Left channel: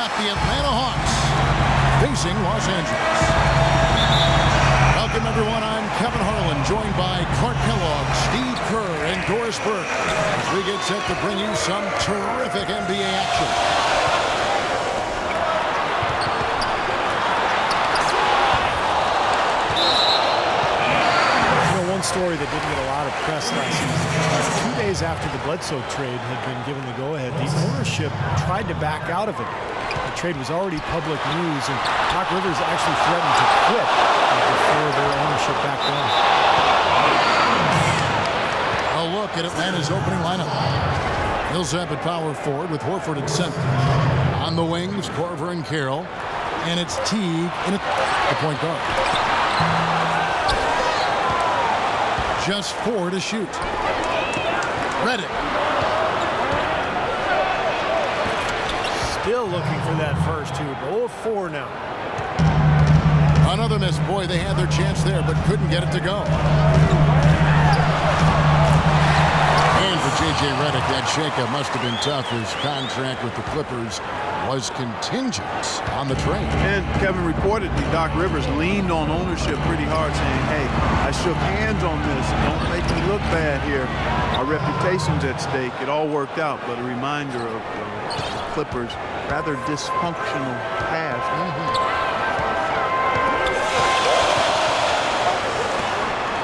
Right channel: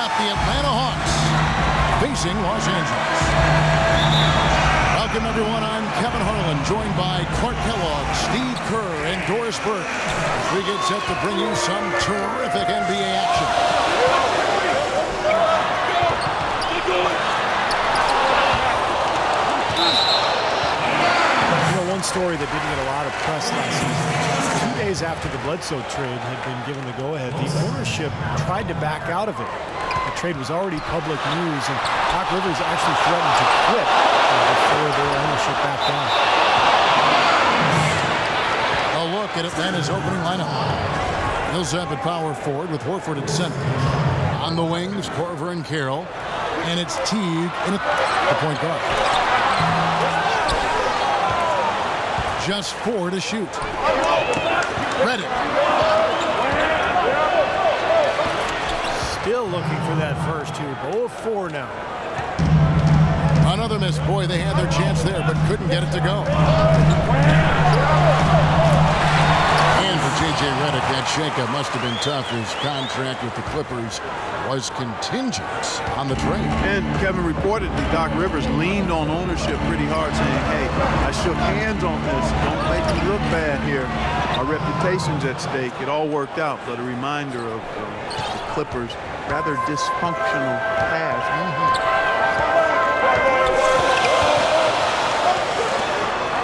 got the Atlanta Hawks facing Los Angeles. Welcome, everyone. I'm Kevin Harlan, joined by Clark Kellogg, Steve Kerr, and Doris Burke, as we get set to bring you some terrific NBA action. One story that didn't get a lot of press last season. 2 days after the Bledsoe trade had been given the go-ahead, the ownership tried to back out of it. The trade was already public news, and Doc Rivers actually threatened to quit before their ownership backed down. A look at Atlanta's opening lineup. Millsap at power forward with Horford at center. On the wings, Korver and Carroll. And it's Teague in the point guard. Just 4 to shoot. Redick. Still looking for that first two. 0 of 4 now. Another miss. Boy, they had their chance there, but couldn't get it to go. And for J.J. Redick, that shakeup must have been tough. His contract with the Clippers was contingent on the trade. And Kevin, reportedly, Doc Rivers leaned on ownership pretty hard, saying, hey, I shook hands on this. Don't make me look bad here. Our reputation's at stake. It all worked out, but a reminder of the Clippers' rather dysfunctional past.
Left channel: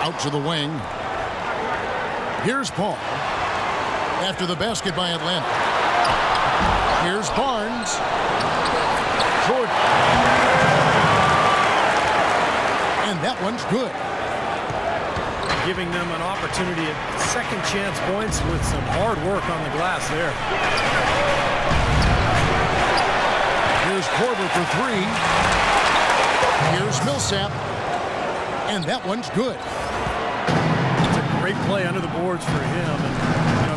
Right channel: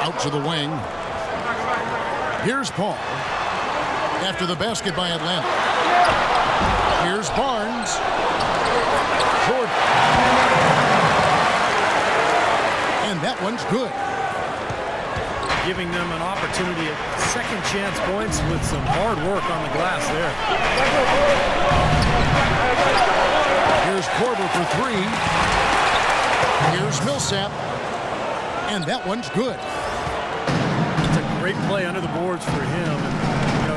Out to the wing. Here's Paul. After the basket by Atlanta. Here's Barnes. Jordan. And that one's good. Giving them an opportunity at second chance points with some hard work on the glass there. Here's Korver for 3. Here's Millsap. And that one's good. It's a great play under the boards for him. And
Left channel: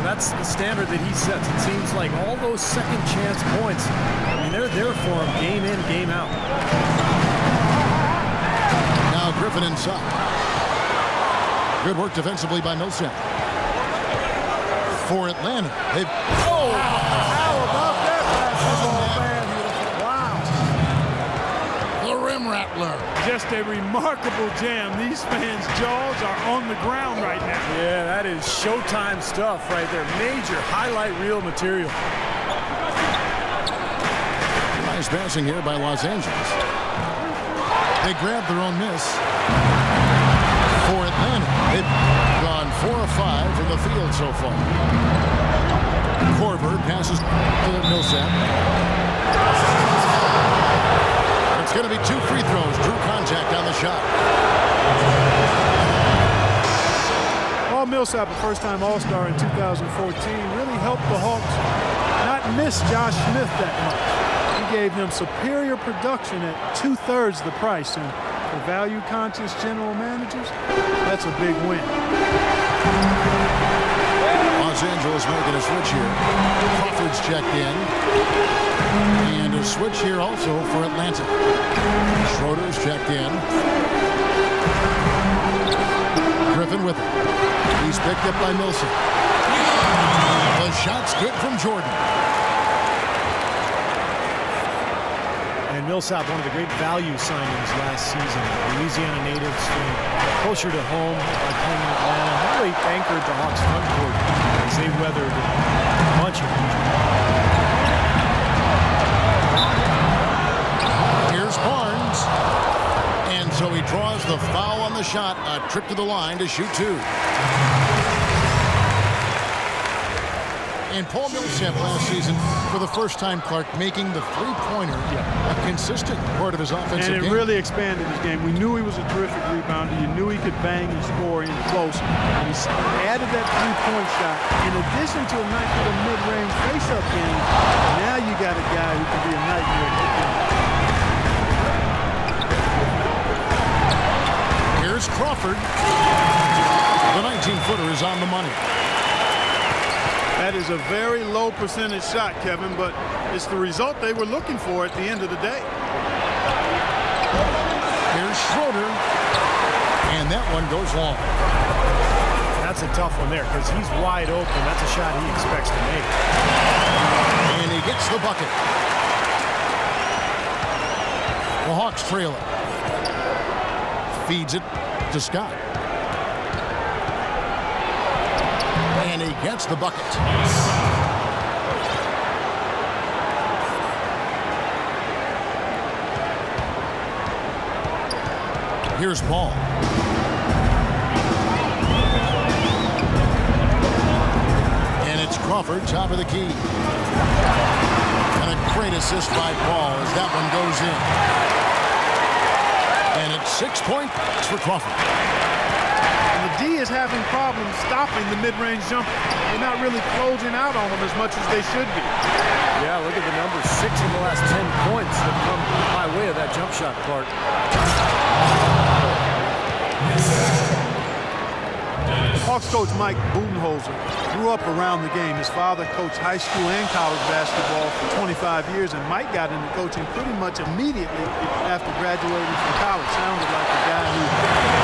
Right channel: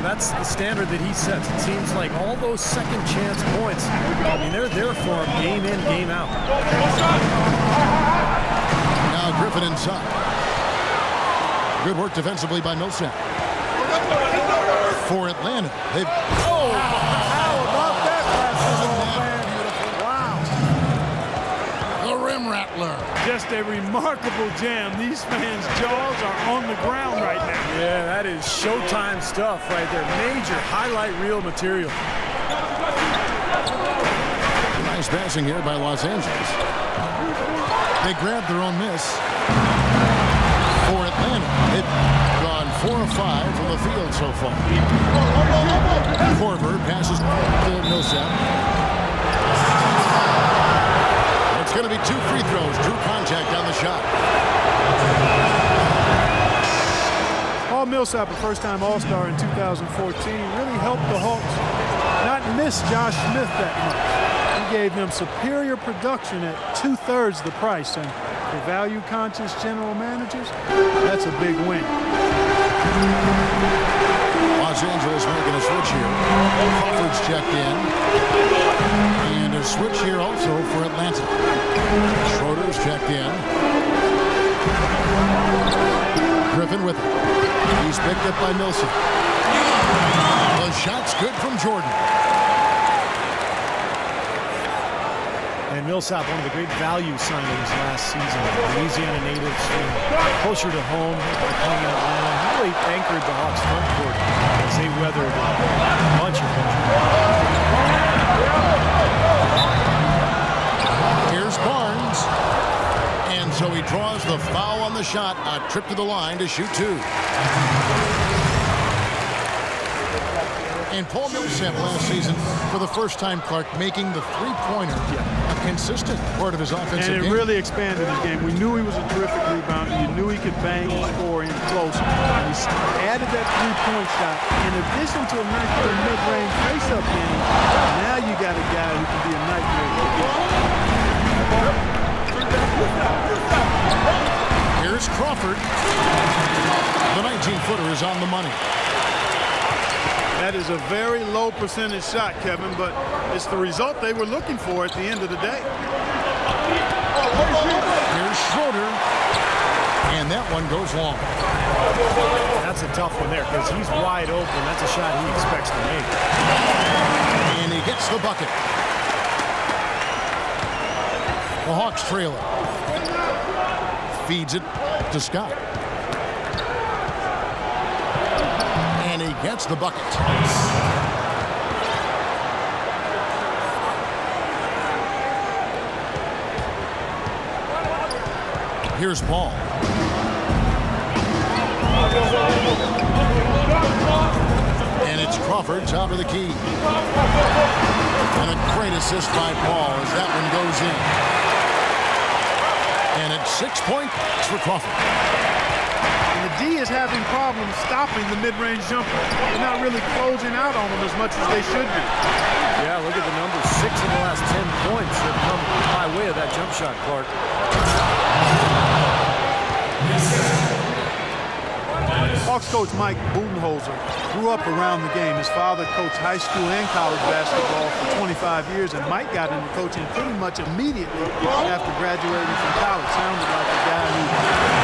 that's the standard that he sets. It seems like all those second chance points, I mean, they're there for him game in, game out. Now Griffin inside. Good work defensively by Millsap. For Atlanta, they've... Oh, how about that basketball, man? Beautiful. Wow. The rim rattler. Just a remarkable jam. These fans' jaws are on the ground right now. Yeah, that is Showtime stuff right there. Major highlight reel material. Nice passing here by Los Angeles. They grabbed their own miss. For Atlanta, they've gone 4 of 5 from the field so far. Korver passes to Millsap. It's going to be 2 free throws. Drew contact on the shot. Paul Millsap, a first-time All-Star in 2014, really helped the Hawks not miss Josh Smith that much. He gave them superior production at 2/3 the price, and for value-conscious general managers, that's a big win. Los Angeles making a switch here. Crawford's checked in. And a switch here also for Atlanta. Schroeder's checked in. Griffin with it. He's picked up by Millsap. The shot's good from Jordan. And Millsap, one of the great value signings last season. Louisiana native, closer to home by playing in Atlanta. He really anchored the Hawks front court as they weathered a bunch of injuries. Here's Barnes. And so he draws the foul on the shot. A trip to the line to shoot 2. And Paul Millsap last season, for the first time, Clark, making the three-pointer a consistent part of his offensive game. And it really expanded his game. We knew he was a terrific rebounder. You knew he could bang and score in close. And he added that three-point shot. In addition to a nice little mid-range face-up game, now you got a guy who can be a nightmare to get. Here's Crawford. The 19-footer is on the money. That is a very low percentage shot, Kevin, but it's the result they were looking for at the end of the day. Here's Schroeder. And that one goes long. That's a tough one there because he's wide open. That's a shot he expects to make. And he gets the bucket. The Hawks trail it. Feeds it to Scott. And he gets the bucket. Here's Paul. And it's Crawford, top of the key. And a great assist by Paul as that one goes in. And it's 6 points for Crawford. And the D is having problems stopping the mid-range jumper. They're not really closing out on them as much as they should be. Yeah, look at the numbers. 6 of the last 10 points have come by way of that jump shot, Clark. Hawks coach Mike Budenholzer grew up around the game. His father coached high school and college basketball for 25 years, and Mike got into coaching pretty much immediately after graduating from college. Sounded like a guy who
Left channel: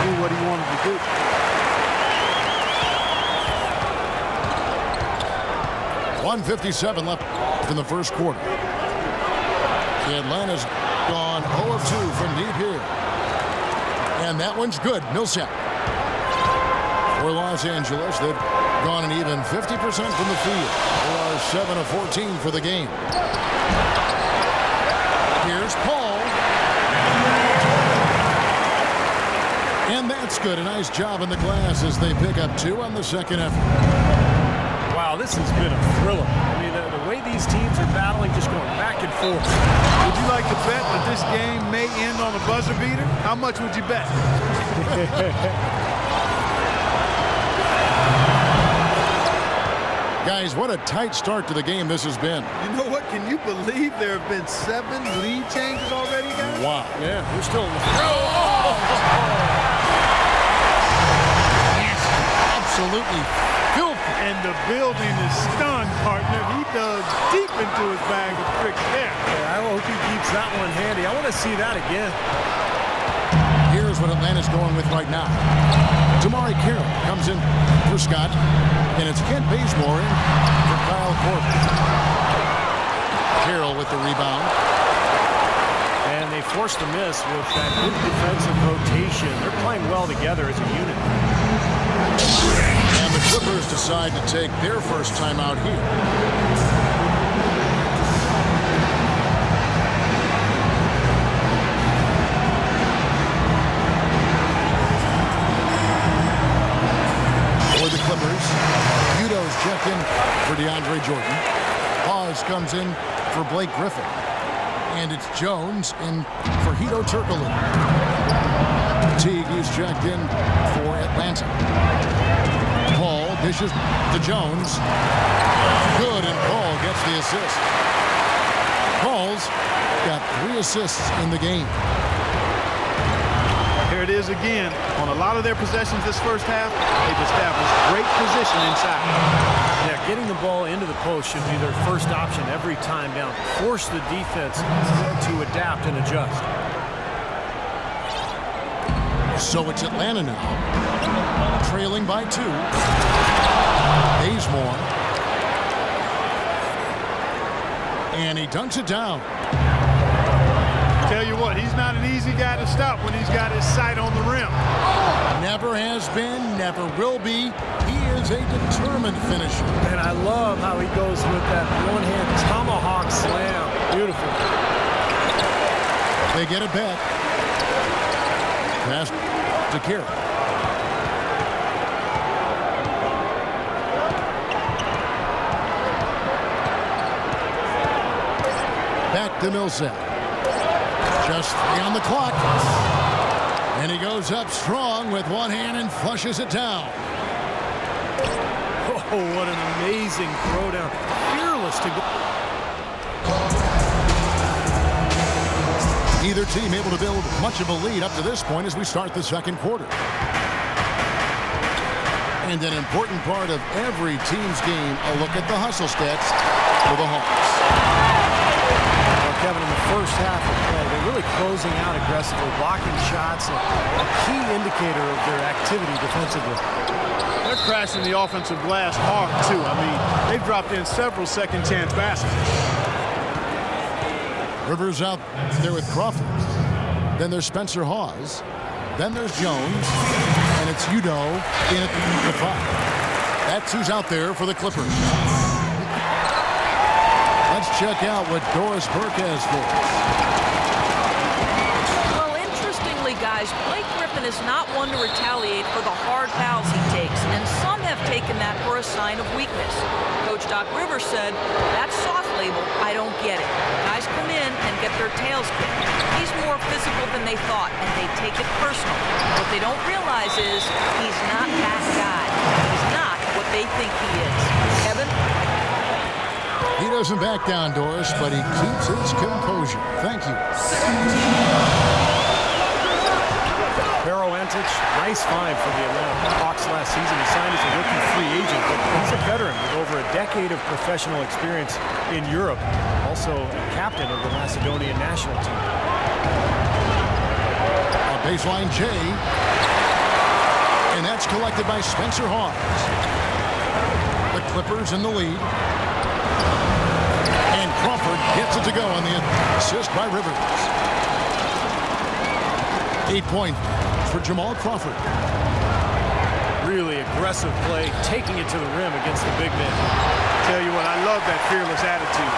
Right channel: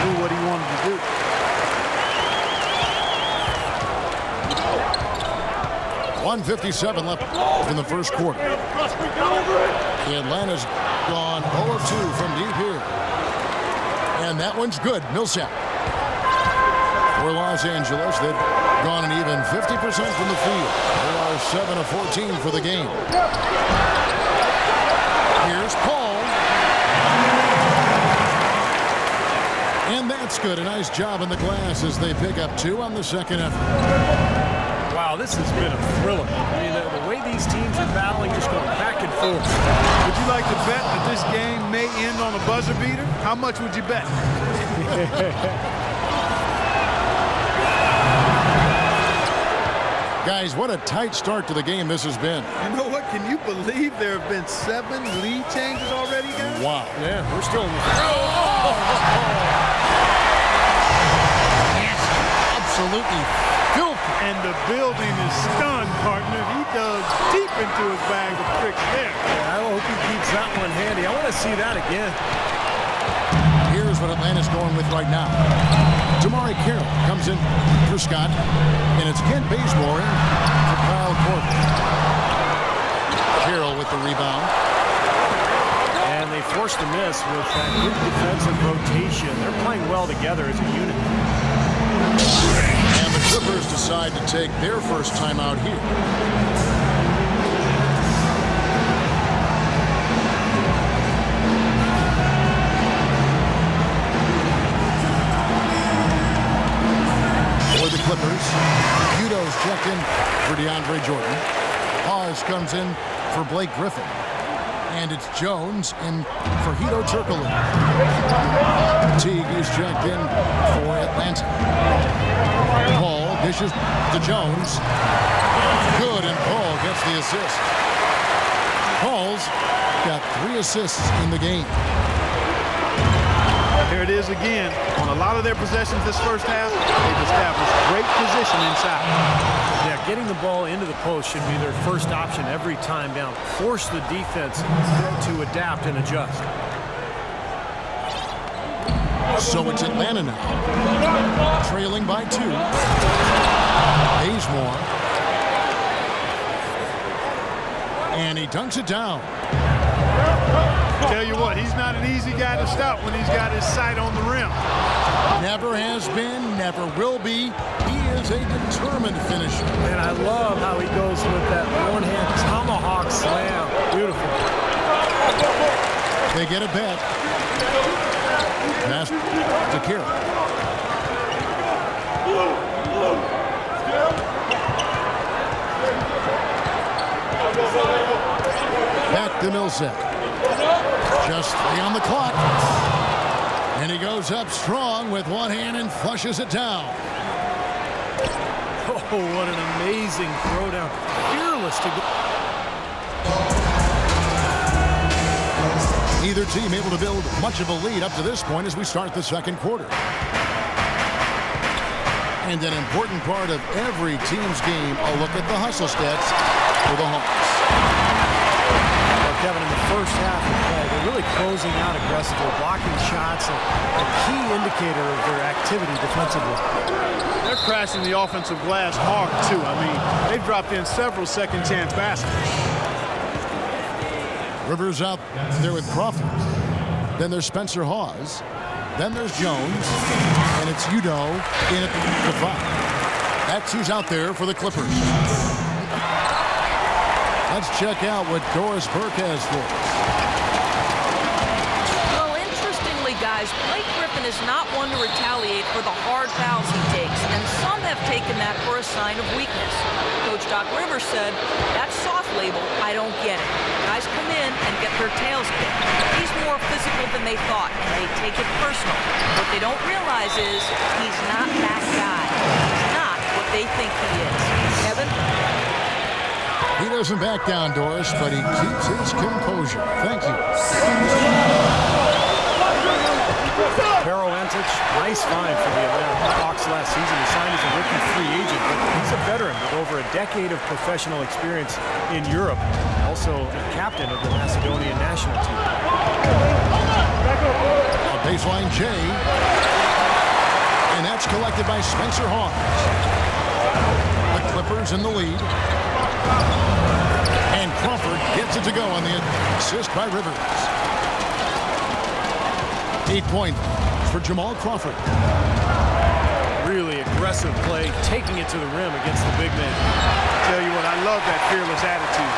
knew what he wanted to do. .157 left in the first quarter. Atlanta's gone 0 of 2 from deep here. And that one's good. Millsap. For Los Angeles, they've gone an even 50% from the field. They are 7 of 14 for the game. Here's Paul. And that's good. A nice job in the glass as they pick up 2 on the second effort. Wow, this has been a thriller. I mean, the way these teams are battling, just going back and forth. Would you like to bet that this game may end on a buzzer beater? How much would you bet? Guys, what a tight start to the game this has been. You know what? Can you believe there have been 7 lead changes already, guys? Wow. Yeah, we're still in the Absolutely filthy. And the building is stunned, partner. He dug deep into his bag of tricks there. Yeah, I hope he keeps that one handy. I want to see that again. Here's what Atlanta's going with right now. Jamari Carroll comes in for Scott. And it's Kent Bazemore in for Kyle Korver. Carroll with the rebound. And they forced the miss with that good defensive rotation. They're playing well together as a unit. And the Clippers decide to take their first time out here. For the Clippers, Udo's checked in for DeAndre Jordan. Hawes comes in for Blake Griffin. And it's Jones in for Hedo Turkoglu. Teague is checked in for Atlanta. Paul dishes to Jones. Good, and Paul gets the assist. Paul's got 3 assists in the game. Here it is again. On a lot of their possessions this first half, they've established great position inside. Yeah, getting the ball into the post should be their first option every time down. Force the defense to adapt and adjust. So it's Atlanta now, trailing by 2. Bazemore. And he dunks it down. Tell you what, he's not an easy guy to stop when he's got his sight on the rim. Never has been, never will be. He is a determined finisher. And I love how he goes with that one-hand tomahawk slam. Beautiful. They get it back. Pass to Carroll. Back to Millsap. Just 3 on the clock. And he goes up strong with one hand and flushes it down. Oh, what an amazing throwdown. Fearless to go. Either team able to build much of a lead up to this point as we start the second quarter. And an important part of every team's game, a look at the hustle stats for the Hawks. Kevin, in the first half of play, they're really closing out aggressively, blocking shots, a key indicator of their activity defensively. They're crashing the offensive glass hard, too. I mean, they've dropped in several second-chance baskets. Rivers out there with Crawford. Then there's Spencer Hawes. Then there's Jones. And it's Udoh in at the 5. That's who's out there for the Clippers. Let's check out what Doris Burke has for us. Well, interestingly, guys, Blake Griffin is not one to retaliate for the hard fouls he takes, and some have taken that for a sign of weakness. Coach Doc Rivers said, "That soft label, I don't get it. Guys come in and get their tails kicked. He's more physical than they thought, and they take it personal. What they don't realize is he's not that guy. He's not what they think he is." Kevin? He doesn't back down, Doris, but he keeps his composure. Thank you. Pero Antic, nice find for the Atlanta Hawks last season. He signed as a rookie free agent, but he's a veteran with over a decade of professional experience in Europe. Also a captain of the Macedonian national team. A baseline J. And that's collected by Spencer Hawes. The Clippers in the lead. And Crawford gets it to go on the assist by Rivers. 8 points for Jamal Crawford. Really aggressive play, taking it to the rim against the big man. Tell you what, I love that fearless attitude.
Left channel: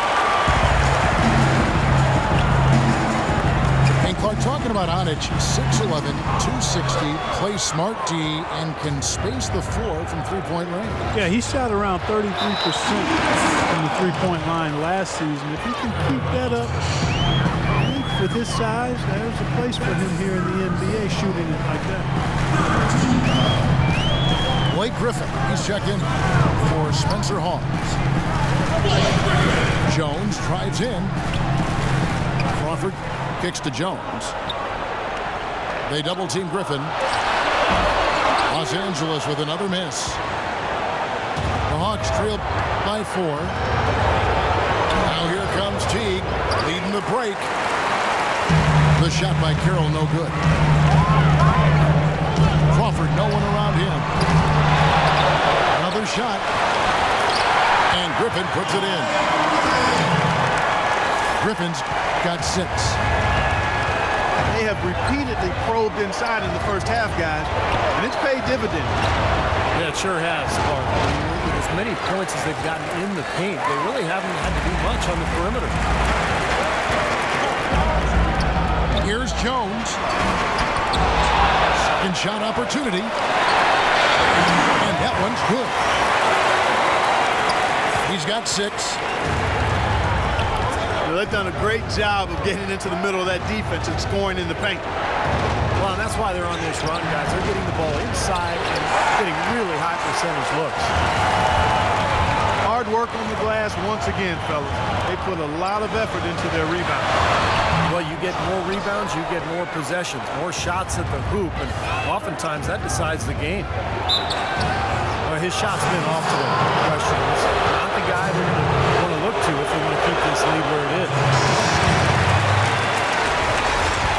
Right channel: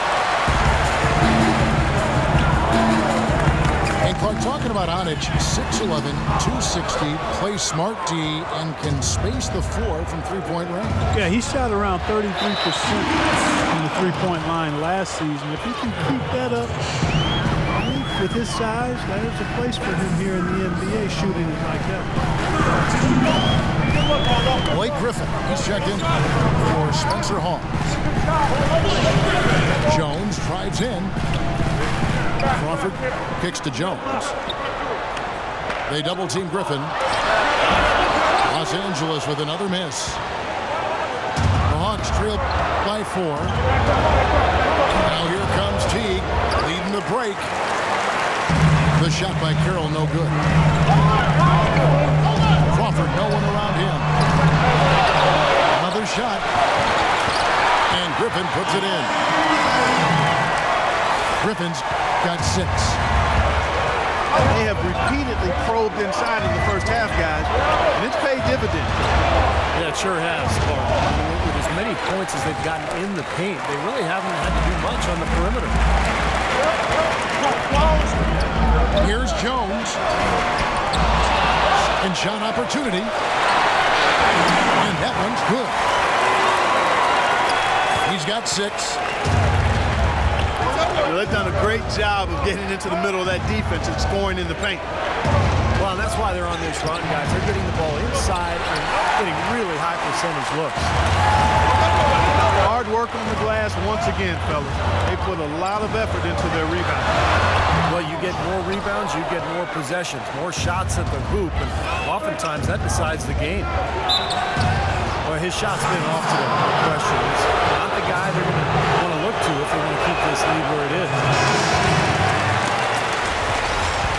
And Clark, talking about Anic, 6'11", 260, plays smart D, and can space the floor from three-point range. Yeah, he shot around 33% from the three-point line last season. If he can keep that up, with his size, there's a place for him here in the NBA shooting it like that. Blake Griffin, he's checked in for Spencer Hawes. Jones drives in. Crawford kicks to Jones. They double-team Griffin. Los Angeles with another miss. The Hawks trail by 4. Now here comes Teague leading the break. The shot by Carroll, no good. Crawford, no one around him. Another shot. And Griffin puts it in. Griffin's got 6. They have repeatedly probed inside in the first half, guys, and it's paid dividends. Yeah, it sure has, Clark. I mean, with as many points as they've gotten in the paint, they really haven't had to do much on the perimeter. Here's Jones. Second shot opportunity. And that one's good. He's got 6. Well, they've done a great job of getting into the middle of that defense and scoring in the paint. Well, and that's why they're on this run, guys. They're getting the ball inside and getting really high percentage looks. Hard work on the glass once again, fellas. They put a lot of effort into their rebound. Well, you get more rebounds, you get more possessions, more shots at the hoop, and oftentimes that decides the game. Well, his shot's been off today, no question. It's not the guy they're going to want to look to if they want to keep this lead where it is.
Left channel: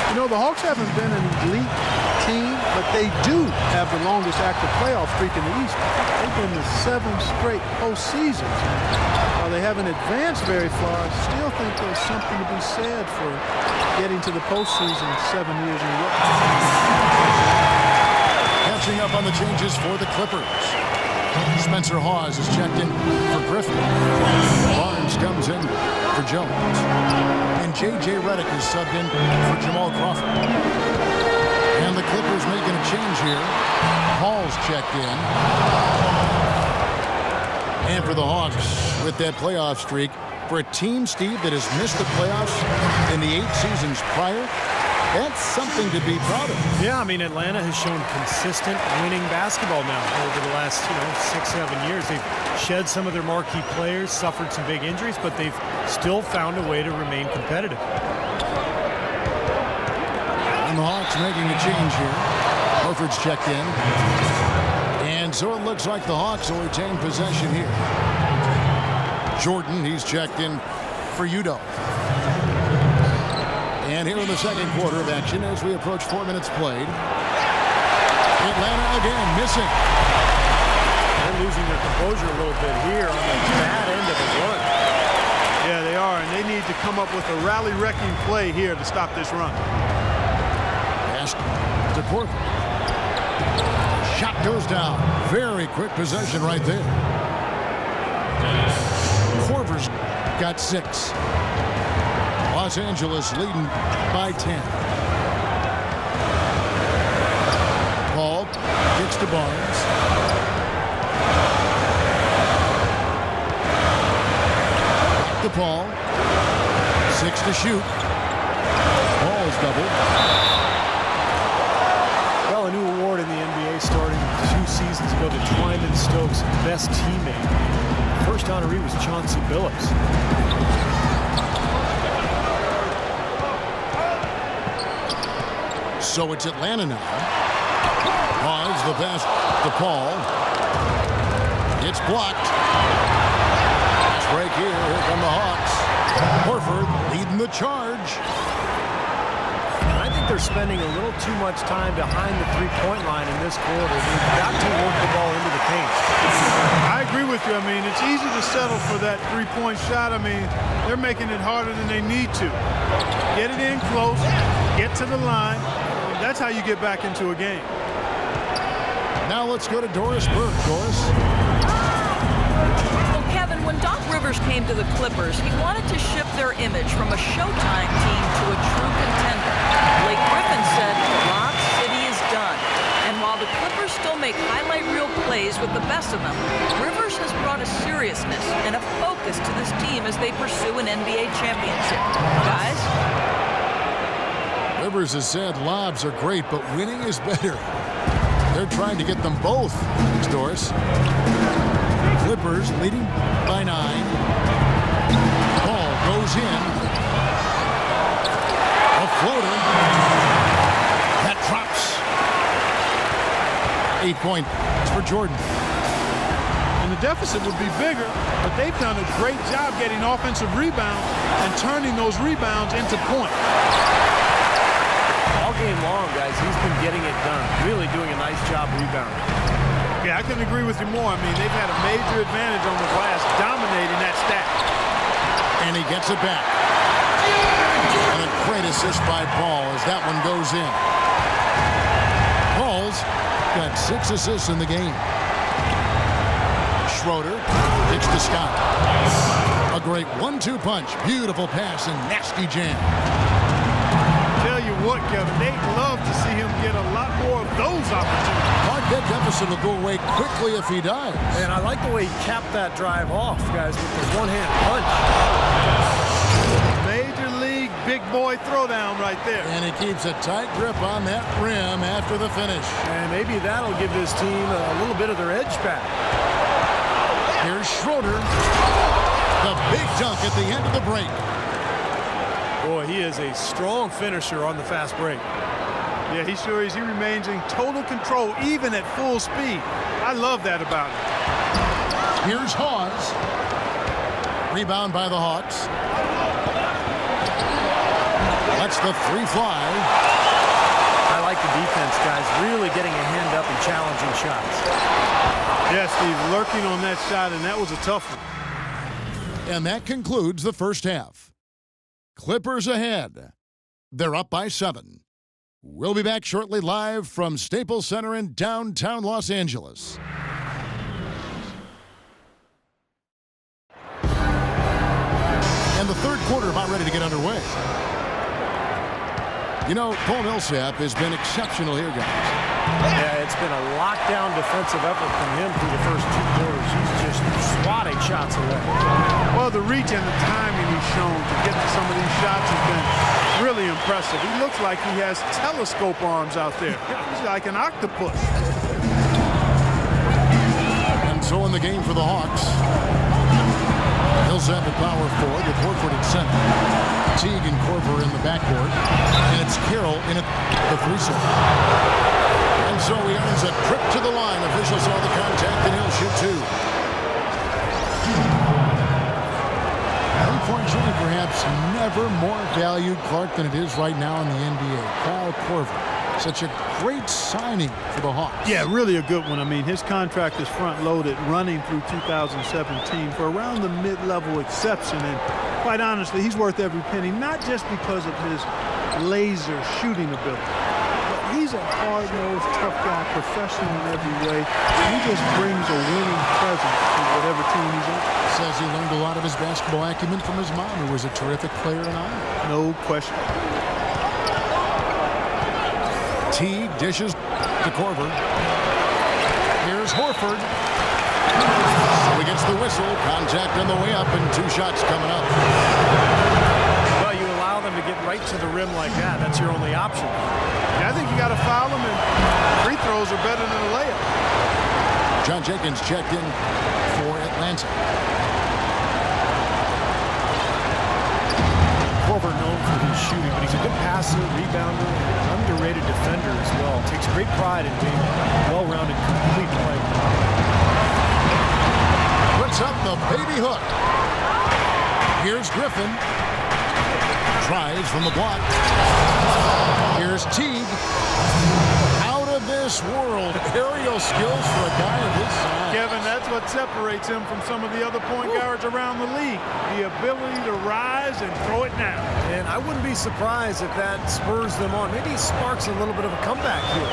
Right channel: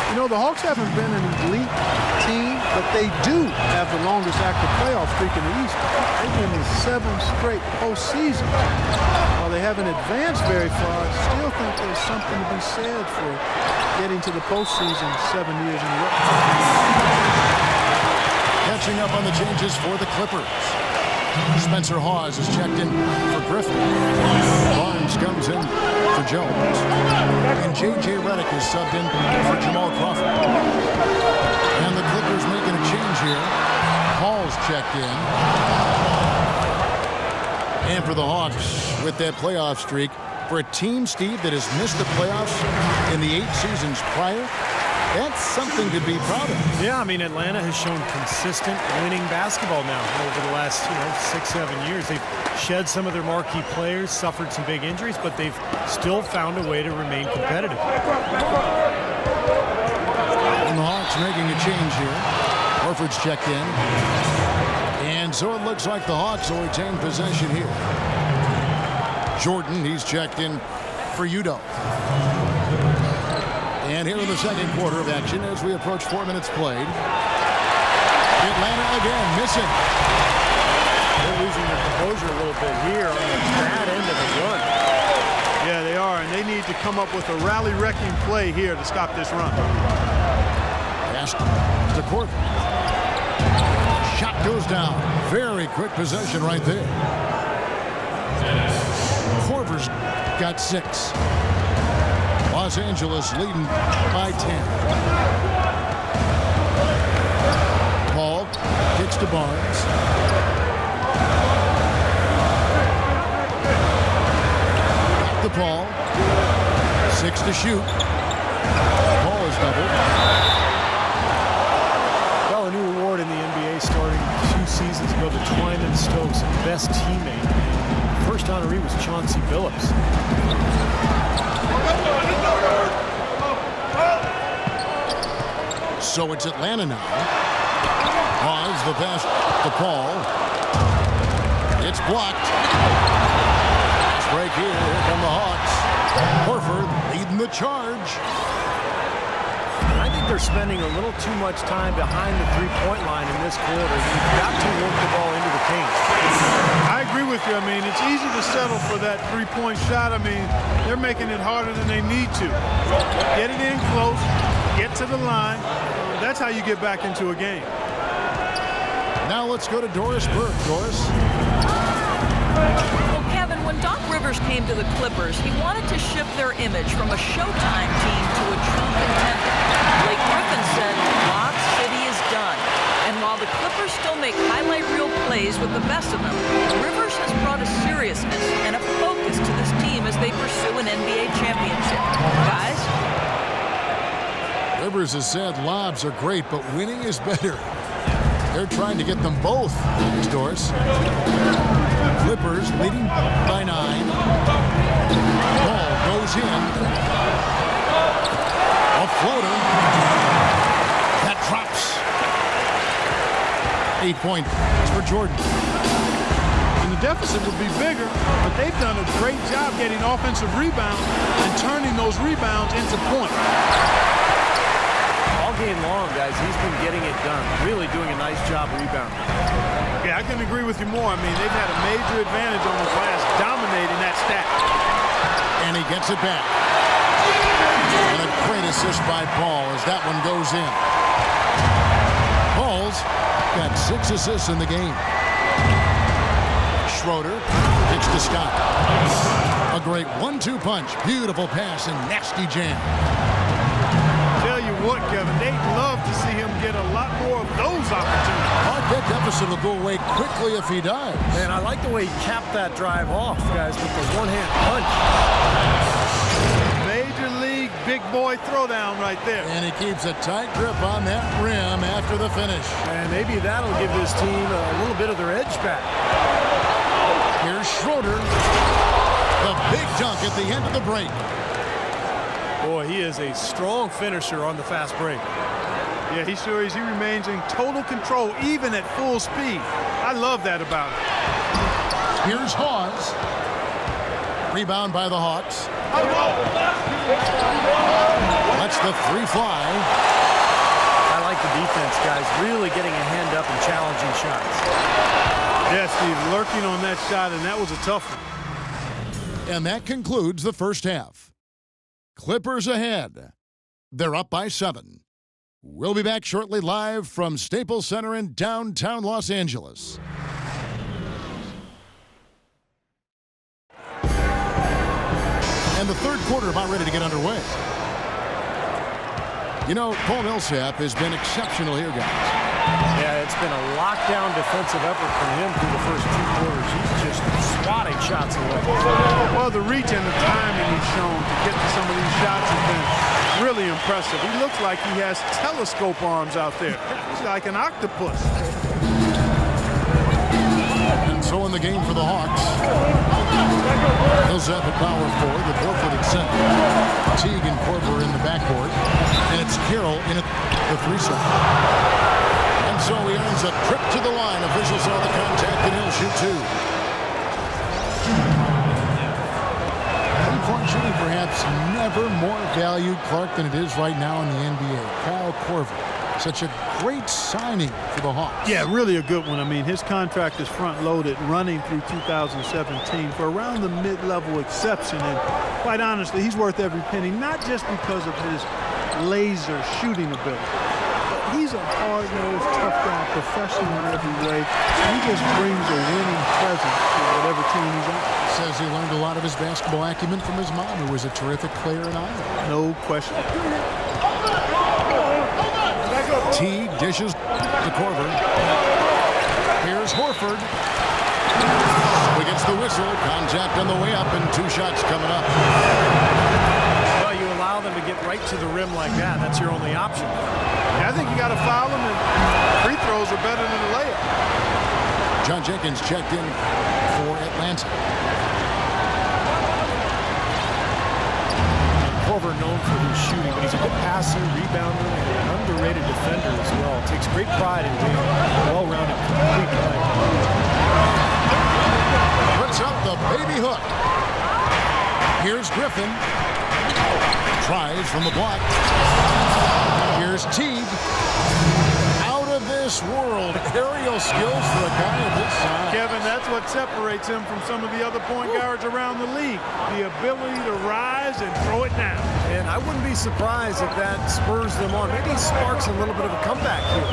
You know, the Hawks haven't been an elite team, but they do have the longest active playoff streak in the East. They've been to 7 straight postseasons. And while they haven't advanced very far, I still think there's something to be said for getting to the postseason 7 years in a row. Catching up on the changes for the Clippers. Spencer Hawes is checked in for Griffin. Barnes comes in for Jones. And J.J. Redick is subbed in for Jamal Crawford. And the Clippers making a change here. Hall's checked in. And for the Hawks, with that playoff streak, for a team, Steve, that has missed the playoffs in the 8 seasons prior, that's something to be proud of. Yeah, I mean, Atlanta has shown consistent winning basketball now over the last, 6-7 years. They've shed some of their marquee players, suffered some big injuries, but they've still found a way to remain competitive. And the Hawks making a change here. Horford's checked in. And so it looks like the Hawks will retain possession here. Jordan, he's checked in for Udoh. And here in the second quarter of action as we approach 4 minutes played. Atlanta again missing. They're losing their composure a little bit here on the bad end of a run. Yeah, they are, and they need to come up with a rally-wrecking play here to stop this run. Pass to Korver. Shot goes down. Very quick possession right there. Korver's got 6. Los Angeles leading by 10. Paul kicks to Barnes. Back to Paul. 6 to shoot. Paul is doubled. Well, a new award in the NBA starting 2 seasons ago, the Twyman Stokes Best Teammate. And the first honoree was Chauncey Billups. So it's Atlanta now. Pause the pass to Paul. It's blocked. Pass break here. Here come the Hawks. Horford leading the charge. And I think they're spending a little too much time behind the three-point line in this quarter. They've got to work the ball into the paint. I agree with you. I mean, it's easy to settle for that three-point shot. I mean, they're making it harder than they need to. Get it in close, get to the line. That's how you get back into a game. Now let's go to Doris Burke. Doris. Well, Kevin, when Doc Rivers came to the Clippers, he wanted to shift their image from a Showtime team to a true contender. Blake Griffin said, Lob City is done. And while the Clippers still make highlight reel plays with the best of them, Rivers has brought a seriousness and a focus to this team as they pursue an NBA championship. Guys? Rivers has said lobs are great, but winning is better. They're trying to get them both. Thanks, Doris. Clippers leading by 9. Ball goes in. A floater. That drops. 8 points for Jordan. And the deficit would be bigger, but they've done a great job getting offensive rebounds and turning those rebounds into points. All game long, guys, he's been getting it done. Really doing a nice job rebounding. Yeah, I couldn't agree with you more. I mean, they've had a major advantage on the glass, dominating that stack. And he gets it back. And a great assist by Paul as that one goes in. Paul's got 6 assists in the game. Schroeder kicks to Scott. A great 1-2 punch. Beautiful pass and nasty jam. Tell you what, Kevin, they'd love to see him get a lot more of those opportunities. Clark, that deficit will go away quickly if he does. And I like the way he capped that drive off, guys, with the one-hand punch. Major league big boy throwdown right there. And he keeps a tight grip on that rim after the finish. And maybe that'll give this team a little bit of their edge back. Here's Schroeder. The big dunk at the end of the break. Boy, he is a strong finisher on the fast break. Yeah, he sure is. He remains in total control, even at full speed. I love that about him. Here's Hawes. Rebound by the Hawks. Lets the 3 fly. I like the defense, guys. Really getting a hand up and challenging shots. Yeah, Steve, lurking on that shot, and that was a tough one. And that concludes the first half. Clippers ahead. They're up by 7. We'll be back shortly live from Staples Center in downtown Los Angeles. And the third quarter about ready to get underway. You know, Paul Millsap has been exceptional here, guys. Yeah, it's been a lockdown defensive effort from him through the first 2 quarters. He's just swatting shots away. Well, the reach and the timing he's shown to get to some of these shots has been really impressive. He looks like he has telescope arms out there. He's like an octopus. And so in the game for the Hawks, Millsap at power forward with Horford at center. Teague and Korver in the backcourt. And it's Carroll in at the 3-set. And so he earns a trip to the line. Officials saw the contact, and he'll shoot 2. 3-point shooting perhaps never more valued, Clark, than it is right now in the NBA. Kyle Korver, such a great signing for the Hawks. Yeah, really a good one. I mean, his contract is front-loaded, running through 2017 for around the mid-level exception. And quite honestly, he's worth every penny, not just because of his laser shooting ability, but he's a hard-nosed, tough guy, professional in every way. He just brings a winning presence to whatever team he's on. Says he learned a lot of his basketball acumen from his mom, who was a terrific player in Iowa. No question. Teague dishes to Korver. Here's Horford. So he gets the whistle. Contact on the way up and 2 shots coming up. Well, you allow them to get right to the rim like that. That's your only option. Yeah, I think you got to foul him, and free throws are better than a layup. John Jenkins checked in for Atlanta. Korver known for his shooting, but he's a good passer, rebounder, and an underrated defender as well. Takes great pride in being a well-rounded, complete player. Puts up the baby hook. Here's Griffin. Tries from the block. Here's Teague. Out of this world. Aerial skills for a guy of his size. Kevin, that's what separates him from some of the other point guards around the league. The ability to rise and throw it down. And I wouldn't be surprised if that spurs them on. Maybe sparks a little bit of a comeback here.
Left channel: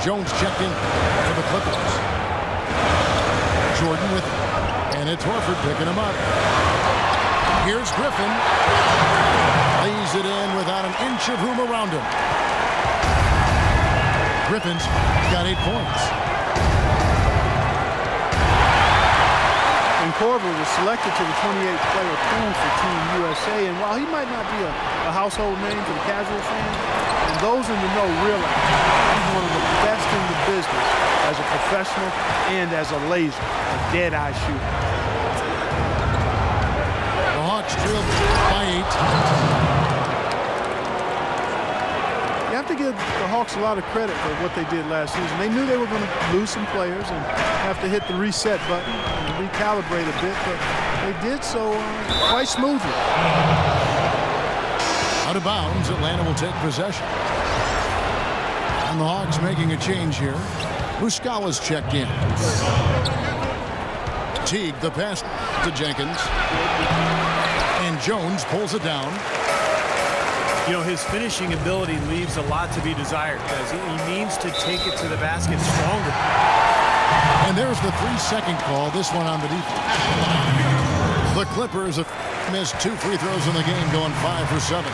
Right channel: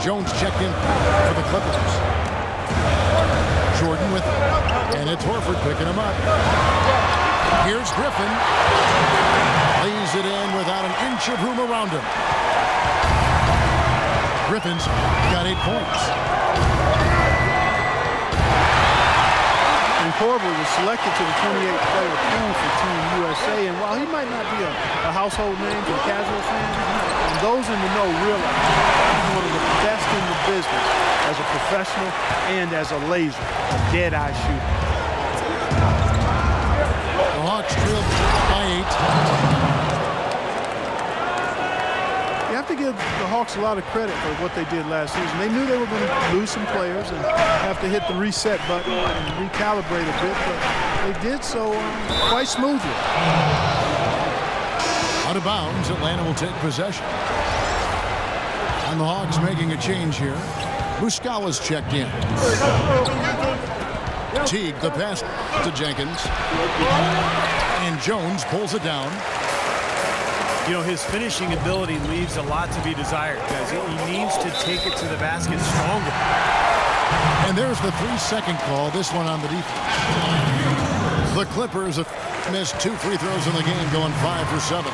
Jones checked in for the Clippers. Jordan with him. And it's Horford picking him up. Here's Griffin. Lays it in without an inch of room around him. Griffin's got 8 points. And Korver was selected to the 28-player pool for Team USA. And while he might not be a household name to the casual fan, and those in the know realize he's one of the best in the business as a professional and as a laser, a dead-eye shooter. The Hawks trailed by 8. You have to give the Hawks a lot of credit for what they did last season. They knew they were going to lose some players and have to hit the reset button and recalibrate a bit, but they did so quite smoothly. Out of bounds, Atlanta will take possession. And the Hawks making a change here. Muscala's checked in. Teague, the pass to Jenkins. And Jones pulls it down. You know, his finishing ability leaves a lot to be desired, guys. He needs to take it to the basket stronger. And there's the 3-second call, this one on the defense. The Clippers have missed 2 free throws in the game, going 5 for 7.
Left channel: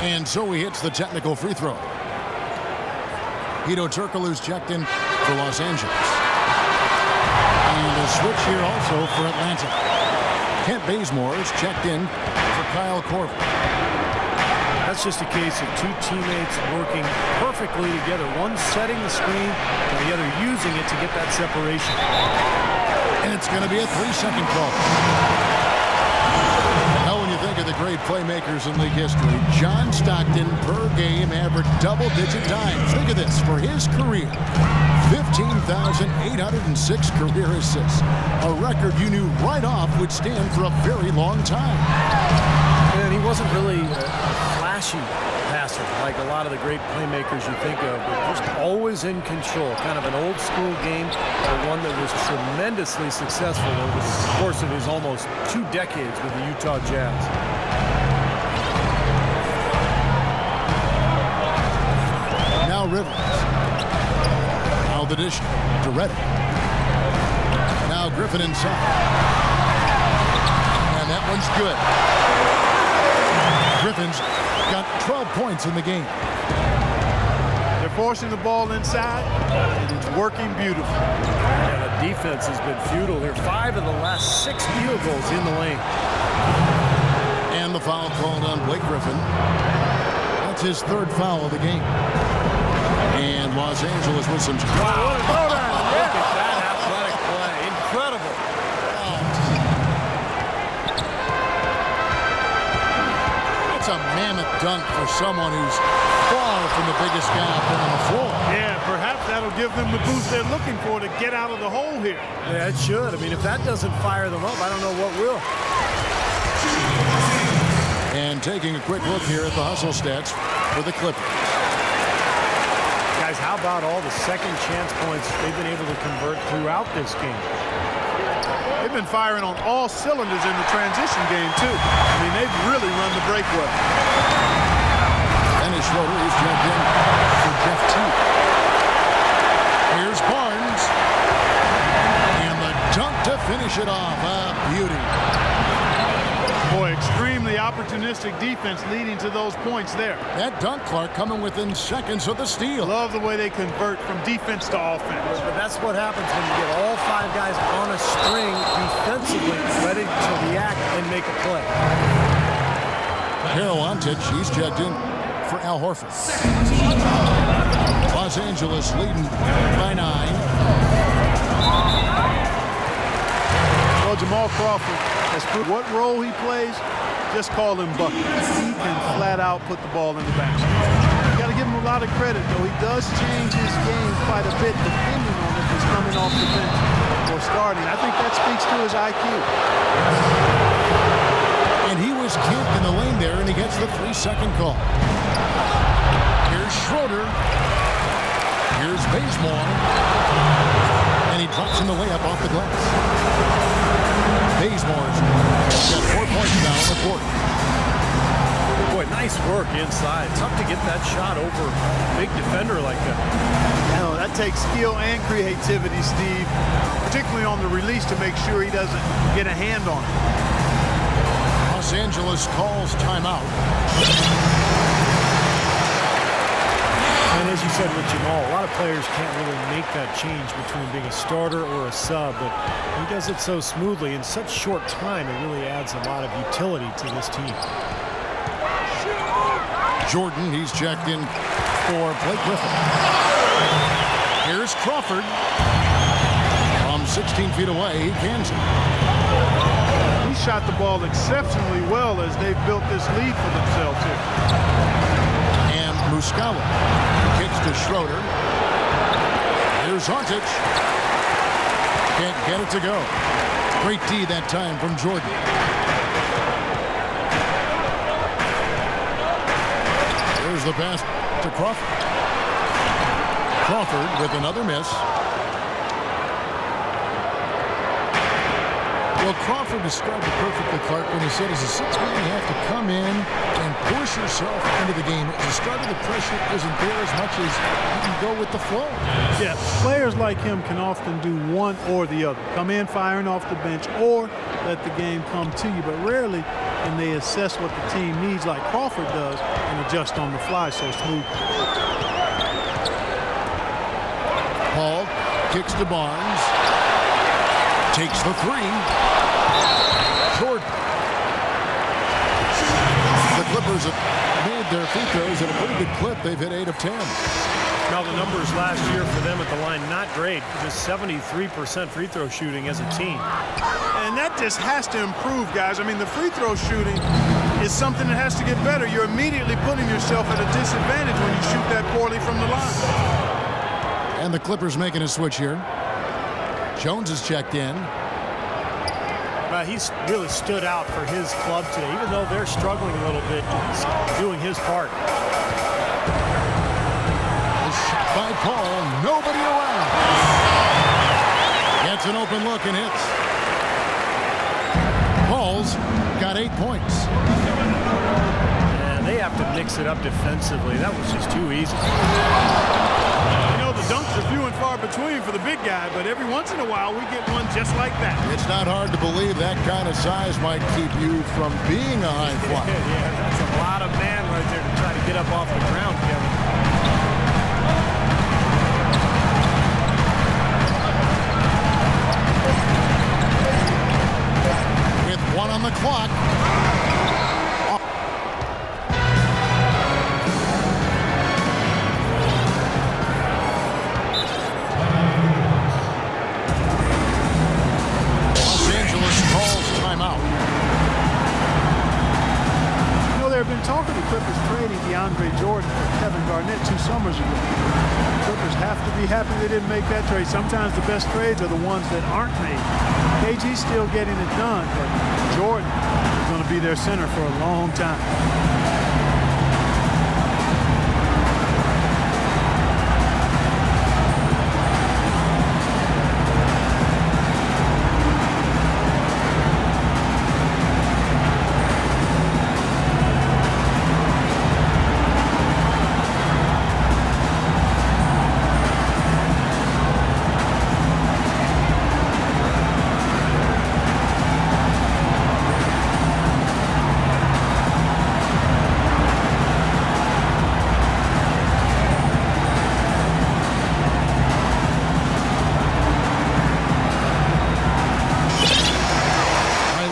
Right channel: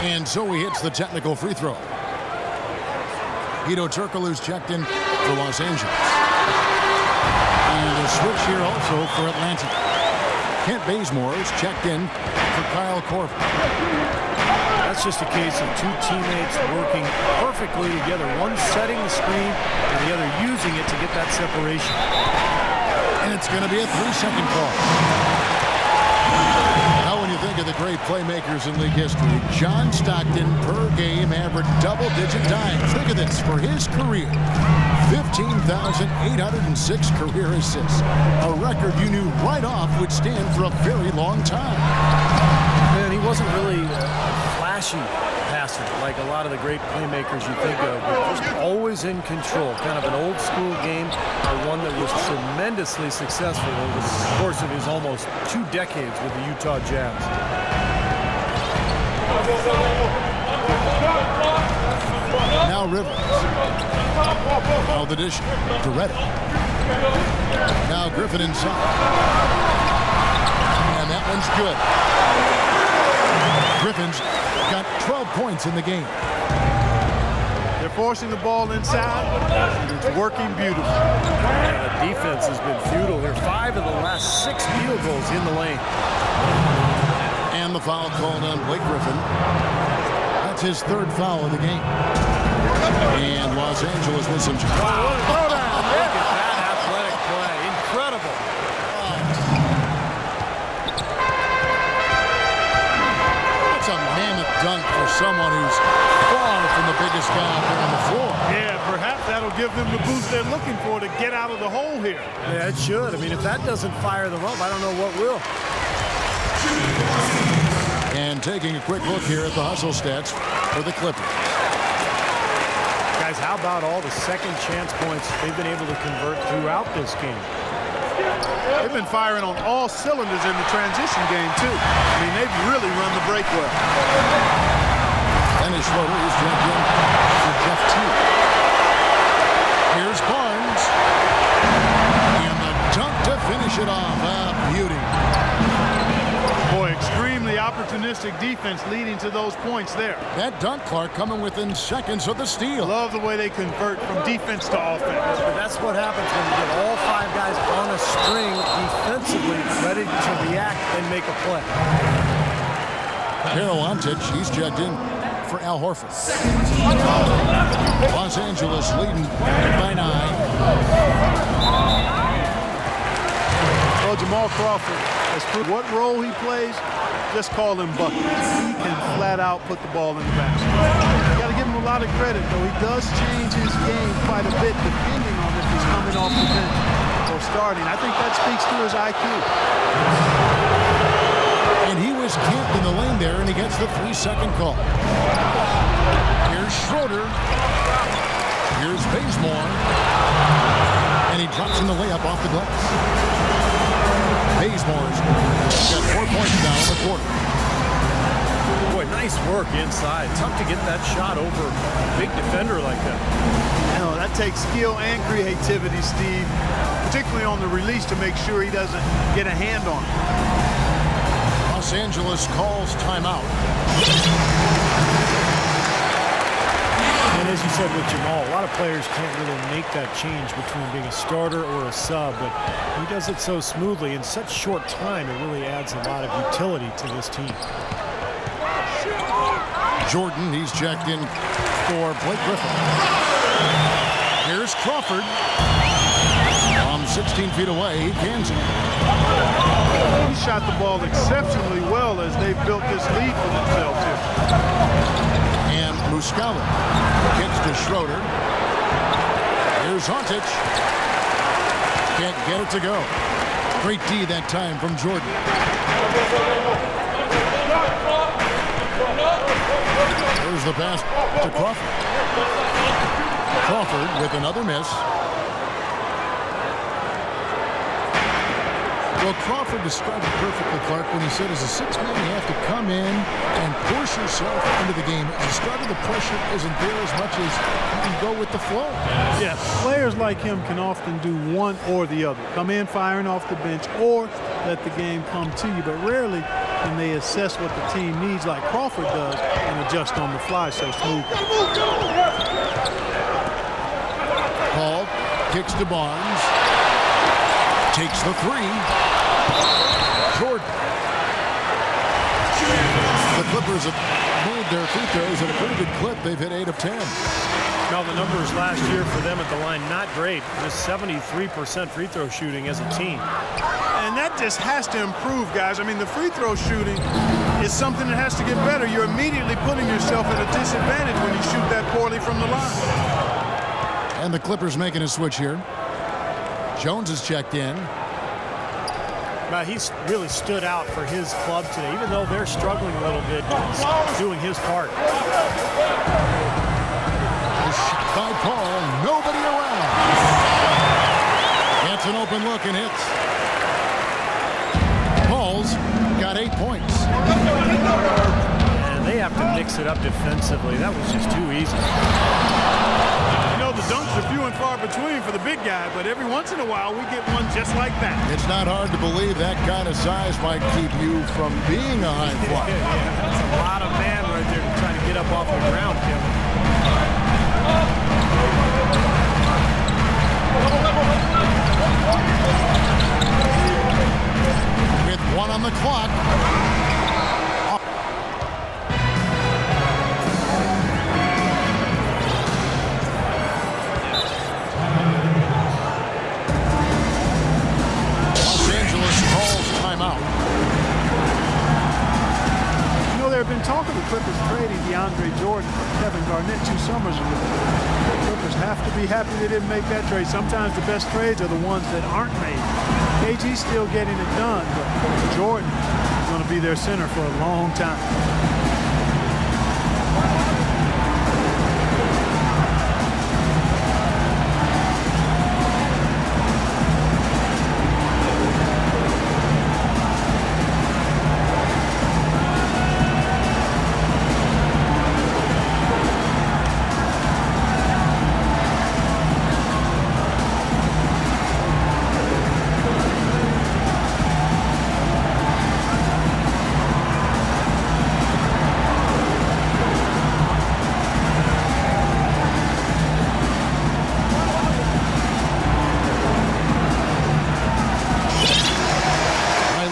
And so he hits the technical free throw. Hedo Turkoglu's checked in for Los Angeles. And a switch here also for Atlanta. Kent Bazemore is checked in for Kyle Korver. That's just a case of 2 teammates working perfectly together. One setting the screen and the other using it to get that separation. And it's going to be a 3-second call. Now when you think of the great playmakers in league history, John Stockton per game averaged double-digit dimes. Think of this, for his career, 15,806 career assists. A record you knew right off would stand for a very long time. And he wasn't really a flashy passer like a lot of the great playmakers you think of, but just always in control. Kind of an old school game, but one that was tremendously successful over the course of his almost 2 decades with the Utah Jazz. Now Rivers. Now the dish to Redick. Now Griffin inside. And that one's good. Griffin's got 12 points in the game. They're forcing the ball inside, and it's working beautifully. Yeah, the defense has been futile here. 5 of the last 6 field goals in the lane. And the foul called on Blake Griffin. That's his 3rd foul of the game. And Los Angeles with some... Wow, what a throwdown. Look at that athletic play. Incredible. It's a mammoth dunk for someone who's far from the biggest guy out there on the floor. Yeah, perhaps that'll give them the boost they're looking for to get out of the hole here. Yeah, it should. I mean, if that doesn't fire them up, I don't know what will. And taking a quick look here at the hustle stats for the Clippers. Guys, how about all the second chance points they've been able to convert throughout this game? They've been firing on all cylinders in the transition game, too. I mean, they've really run the break well. Dennis Schroeder is checked in for Jeff Teague. Here's Barnes. And the dunk to finish it off. A beauty. Boy, extremely opportunistic defense leading to those points there. That dunk, Clark, coming within seconds of the steal. Love the way they convert from defense to offense. But that's what happens when you get all 5 guys on a string defensively ready to react and make a play. Carol Antich, he's checked in for Al Horford. Los Angeles leading by 9. Well, Jamal Crawford has proved what role he plays, just call him buckets. He can flat out put the ball in the basket. You got to give him a lot of credit, though. He does change his game quite a bit depending on if he's coming off the bench or starting. I think that speaks to his IQ. And he was camped in the lane there, and he gets the 3-second call. Here's Schroeder. Here's Bazemore. And he drops in the layup off the glass. Bazemore's got 4 points now in the quarter. Boy, nice work inside. Tough to get that shot over a big defender like that. No, that takes skill and creativity, Steve, particularly on the release to make sure he doesn't get a hand on it. Los Angeles calls timeout. And as you said with Jamal, a lot of players can't really make that change between being a starter or a sub, but he does it so smoothly in such short time. It really adds a lot of utility to this team. Jordan, he's checked in for Blake Griffin. Here's Crawford. From 16 feet away, he cans it. He shot the ball exceptionally well as they've built this lead for themselves here. And Muscala kicks to Schroeder. Here's Antich. Can't get it to go. Great D that time from Jordan. There's the pass to Crawford. Crawford with another miss. Well, Crawford described it perfectly, Clark, when he said as a 6th man, you have to come in and push yourself into the game. As a starter, the pressure isn't there as much as you can go with the flow. Yeah, players like him can often do one or the other. Come in firing off the bench or let the game come to you, but rarely can they assess what the team needs like Crawford does and adjust on the fly so smoothly. Paul kicks to Barnes. Takes the 3. Jordan. The Clippers have made their free throws at a pretty good clip. They've hit 8 of 10. Now, the numbers last year for them at the line, not great. Just 73% free throw shooting as a team. And that just has to improve, guys. I mean, the free throw shooting is something that has to get better. You're immediately putting yourself at a disadvantage when you shoot that poorly from the line. And the Clippers making a switch here. Jones is checked in. He's really stood out for his club today. Even though they're struggling a little bit, he's doing his part. A shot by Paul. Nobody around. Gets an open look and hits. Paul's got 8 points. And they have to mix it up defensively. That was just too easy. You know, the dunks are few and far between for the big guy, but every once in a while we get one just like that. It's not hard to believe that kind of size might keep you from being a high flyer. Yeah, that's a lot of man right there to try to get up off the ground, Kevin. With 1 on the clock. Timeout. You know, there have been talk of the Clippers trading DeAndre Jordan for Kevin Garnett 2 summers ago. The Clippers have to be happy they didn't make that trade. Sometimes the best trades are the ones that aren't made. KG's still getting it done, but Jordan is going to be their center for a long time.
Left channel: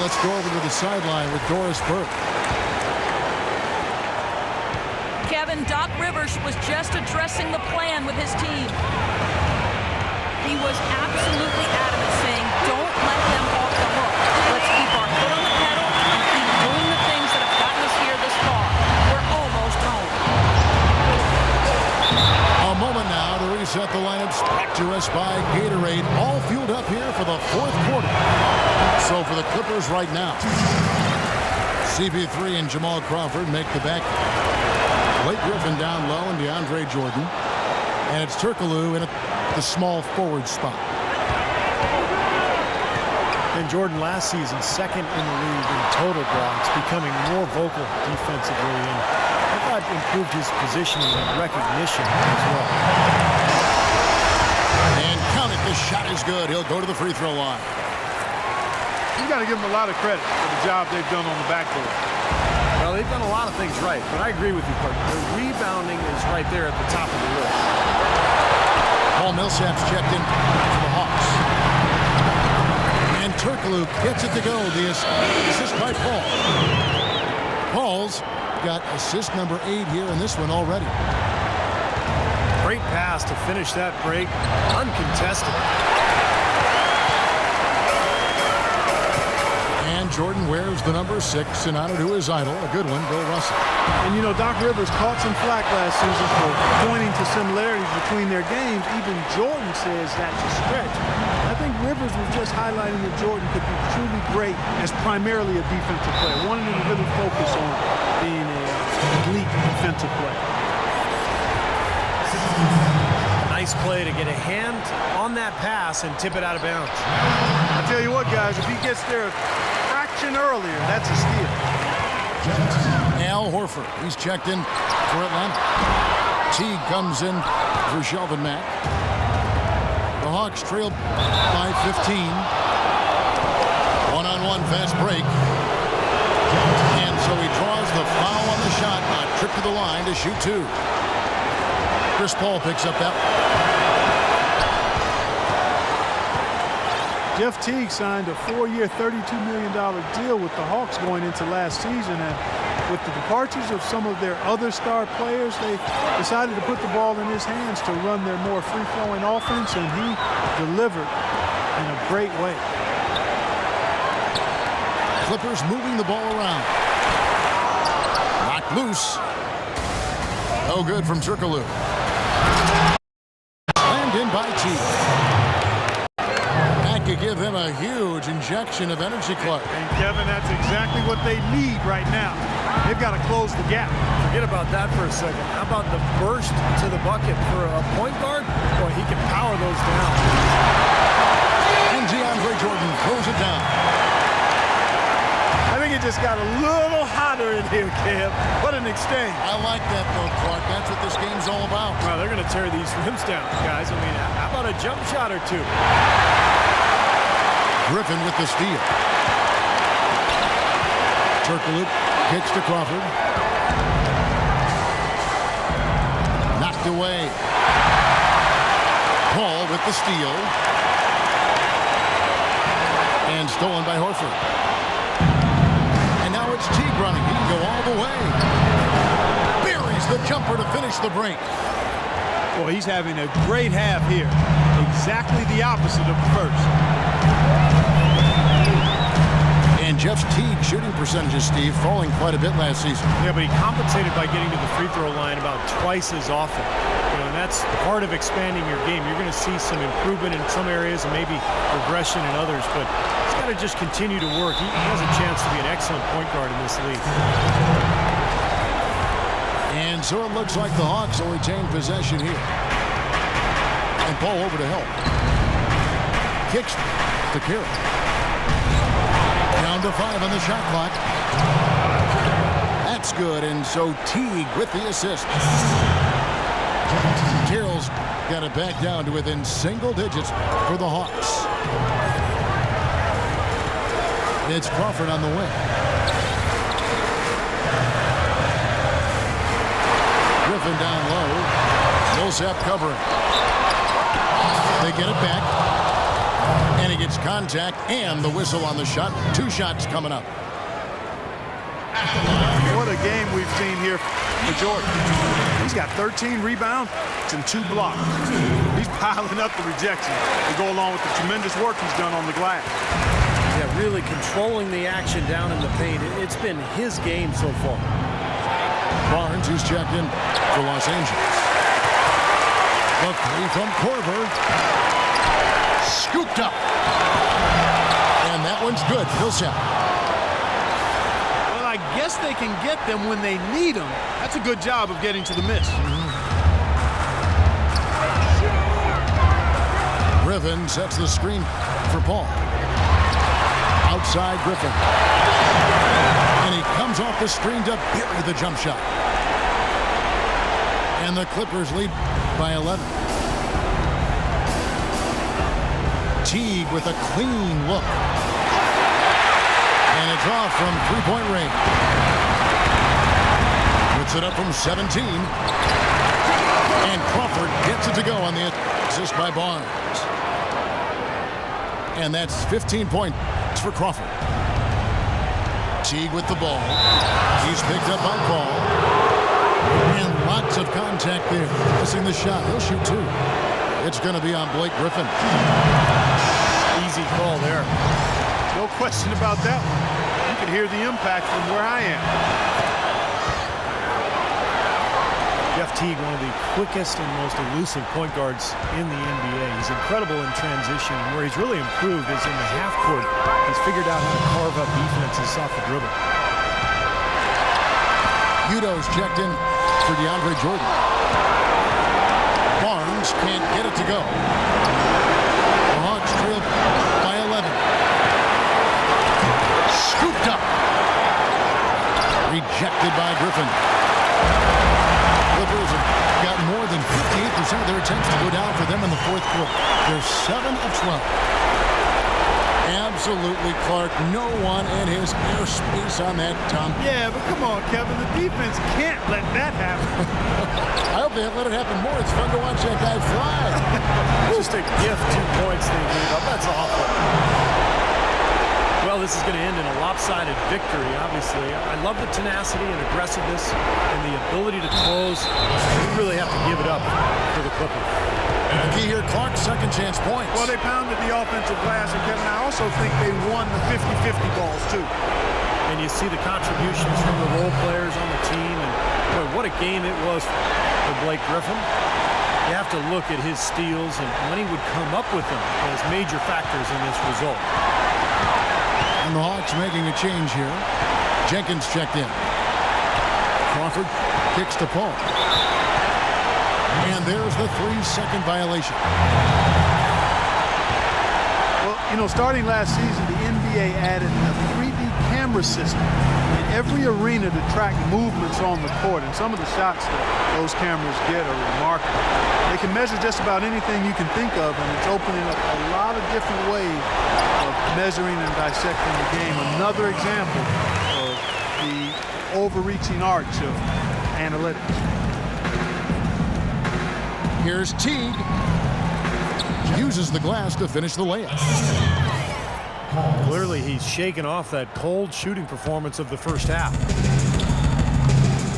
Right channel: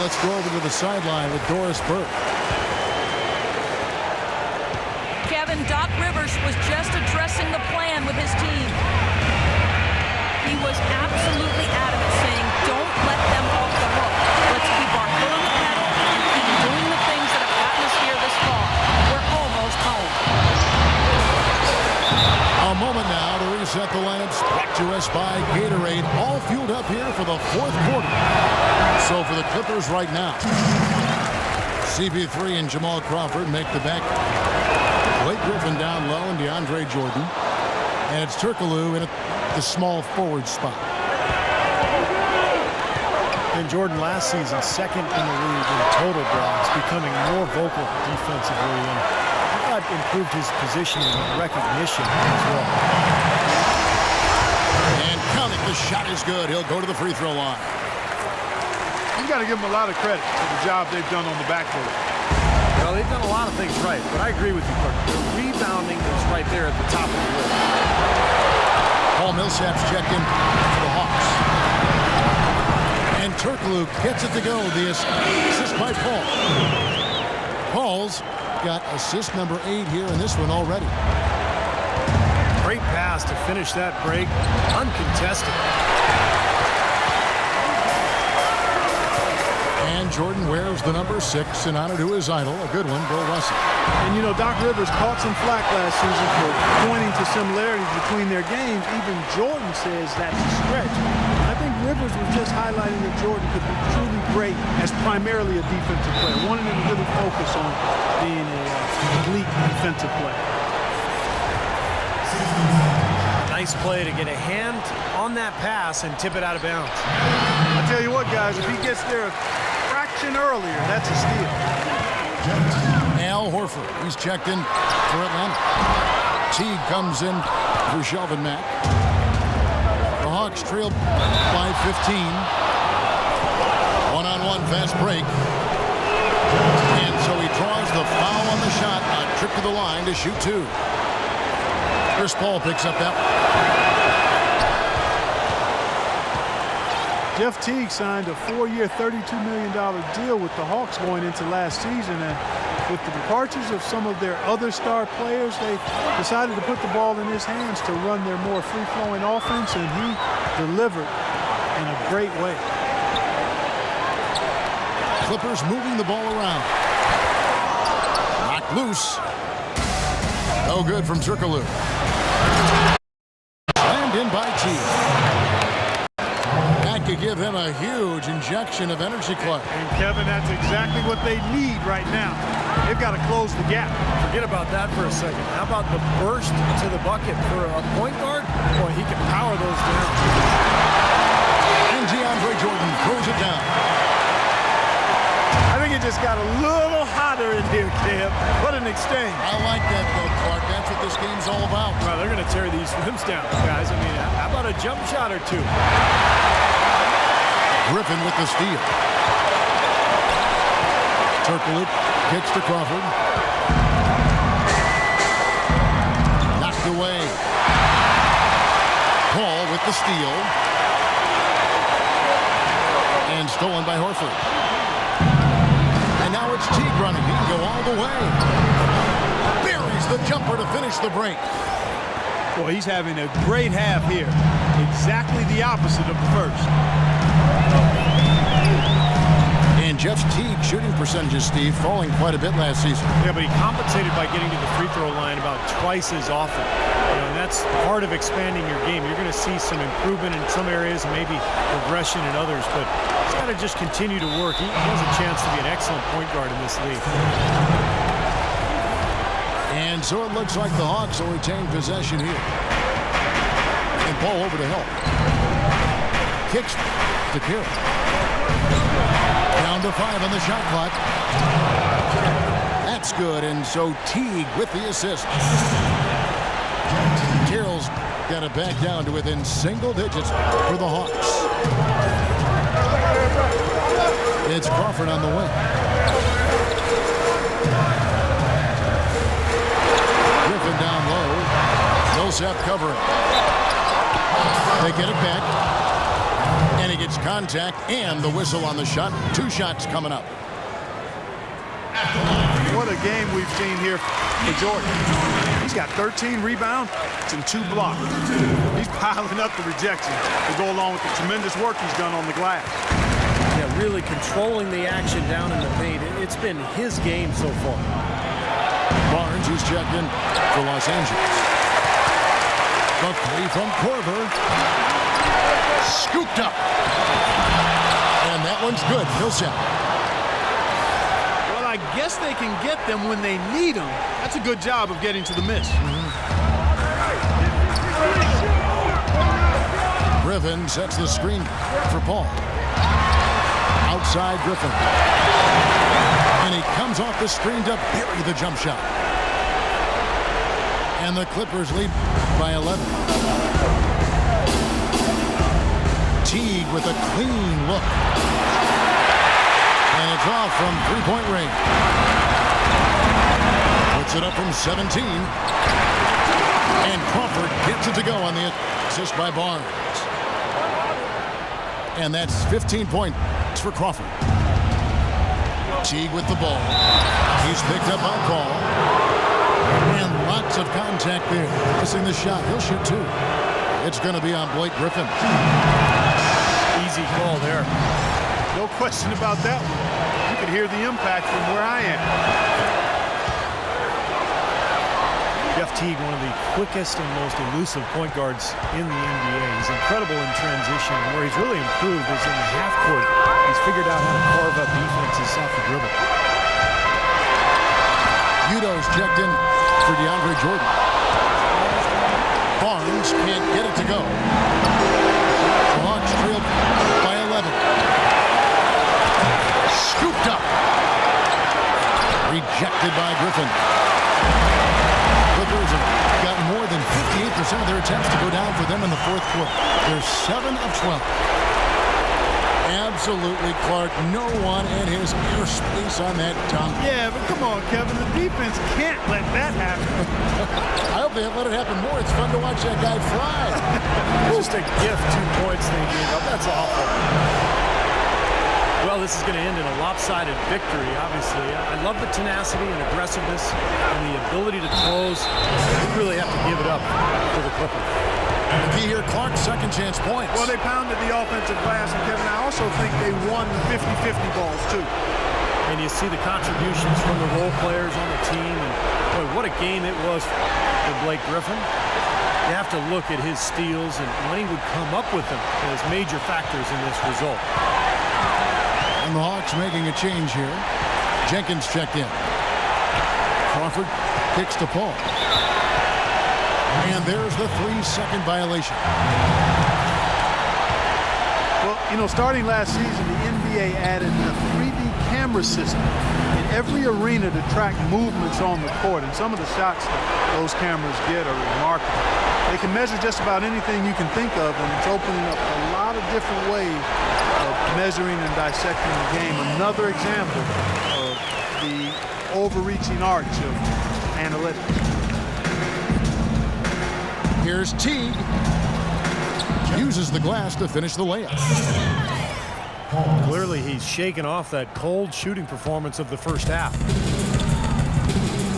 let's go over to the sideline with Doris Burke. Kevin, Doc Rivers was just addressing the plan with his team. He was absolutely adamant, saying, don't let them off the hook. Let's keep our foot on the pedal and keep doing the things that have gotten us here this far. We're almost home. A moment now to reset the lineups, brought to us by Gatorade, all fueled up here for the fourth quarter. So for the Clippers right now, CP3 and Jamal Crawford make the back. Blake Griffin down low and DeAndre Jordan. And it's Turkoglu in the small forward spot. And Jordan last season, second in the league in total blocks, becoming more vocal defensively, and I thought improved his positioning and recognition as well. And count it, the shot is good. He'll go to the free throw line. You got to give them a lot of credit for the job they've done on the backboard. Well, they've done a lot of things right, but I agree with you, Clark. Their rebounding is right there at the top of the list. Paul Millsap's checked in for the Hawks. And Turkoglu gets it to go. The assist by Paul. Paul's got assist number 8 here in this one already. Great pass to finish that break, uncontested. And Jordan wears the number 6 in honor to his idol, a good one, Bill Russell. And, you know, Doc Rivers caught some flack last season for pointing to similarities between their games. Even Jordan says that's a stretch. I think Rivers was just highlighting that Jordan could be truly great as primarily a defensive player, wanting him to really focus on being an elite defensive player. Nice play to get a hand on that pass and tip it out of bounds. I tell you what, guys, if he gets there a fraction earlier, that's a steal. Al Horford, he's checked in for Atlanta. Teague comes in for Shelvin Mack. The Hawks trail by 15. One-on-one fast break. And so he draws the foul on the shot. A trip to the line to shoot 2. Chris Paul picks up that one. Jeff Teague signed a 4-year, $32 million deal with the Hawks going into last season, and with the departures of some of their other star players, they decided to put the ball in his hands to run their more free-flowing offense, and he delivered in a great way. Clippers moving the ball around. Knocked loose. No good from Turkoglu. Slammed in by Teague. That could give him a huge injection of energy, Clark. And Kevin, that's exactly what they need right now. They've got to close the gap. Forget about that for a second. How about the burst to the bucket for a point guard? Boy, he can power those down. And DeAndre Jordan throws it down. I think it just got a little hotter in here, Kev. What an exchange. I like that, though, Clark. That's what this game's all about. Well, they're going to tear these rims down, guys. I mean, how about a jump shot or two? Griffin with the steal. Turkoglu kicks to Crawford. Knocked away. Paul with the steal. And stolen by Horford. And now it's Teague running. He can go all the way. Buries the jumper to finish the break. Boy, he's having a great half here. Exactly the opposite of the first. And Jeff Teague shooting percentages, Steve, falling quite a bit last season. Yeah, but he compensated by getting to the free throw line about twice as often. You know, and that's part of expanding your game. You're going to see some improvement in some areas and maybe regression in others, but he's got to just continue to work. He has a chance to be an excellent point guard in this league. And so it looks like the Hawks will retain possession here. And Paul over to help. Kicks to Carroll. Down to 5 on the shot clock. That's good, and so Teague with the assist. Carroll's got it back down to within single digits for the Hawks. It's Crawford on the wing. Griffin down low. Millsap covering. They get it back. And he gets contact and the whistle on the shot. 2 shots coming up. What a game we've seen here for Jordan. He's got 13 rebounds and 2 blocks. He's piling up the rejection to go along with the tremendous work he's done on the glass. Yeah, really controlling the action down in the paint. It's been his game so far. Barnes, who's checked in for Los Angeles. The 3 from Korver. Scooped up. And that one's good. Millsap. Well, I guess they can get them when they need them. That's a good job of getting to the miss. Griffin sets the screen for Paul. Outside Griffin. And he comes off the screen to bury the jump shot. And the Clippers lead by 11. Teague with a clean look. And it's off from 3-point range. Puts it up from 17. And Crawford gets it to go on the assist by Barnes. And that's 15 points for Crawford. Teague with the ball. He's picked up by Paul. And lots of contact there. Missing the shot. He'll shoot 2. It's going to be on Blake Griffin. Easy call there. No question about that one. You could hear the impact from where I am. Jeff Teague, one of the quickest and most elusive point guards in the NBA. He's incredible in transition, and where he's really improved is in the half court. He's figured out how to carve up defenses off the dribble. Udo's checked in for DeAndre Jordan. Barnes can't get it to go. The Hawks trail by 11. Scooped up. Rejected by Griffin. Clippers have got more than 58% of their attempts to go down for them in the 4th quarter. They're 7 of 12. Absolutely, Clark. No one in his airspace on that dunk. Yeah, but come on, Kevin. The defense can't let that happen. I hope they let it happen more. It's fun to watch that guy fly. Just a gift, 2 points they gave up. That's awful. Well, this is going to end in a lopsided victory, obviously. I love the tenacity and aggressiveness and the ability to close. We really have to give it up for the Clippers. The key here, Clark, second chance points. Well, they pounded the offensive glass, and Kevin, I also think they won the 50-50 balls, too. And you see the contributions from the role players on the team, and boy, what a game it was for Blake Griffin. You have to look at his steals and when he would come up with them as major factors in this result. And the Hawks making a change here. Jenkins checked in. Crawford kicks to Paul. And there's the 3-second violation. Well, you know, starting last season, the NBA added a 3D camera system in every arena to track movements on the court. And some of the shots that those cameras get are remarkable. They can measure just about anything you can think of, and it's opening up a lot of different ways of measuring and dissecting the game. Another example of the overreaching arch of analytics. Here's Teague. Uses the glass to finish the layup. Clearly, he's shaken off that cold shooting performance of the first half.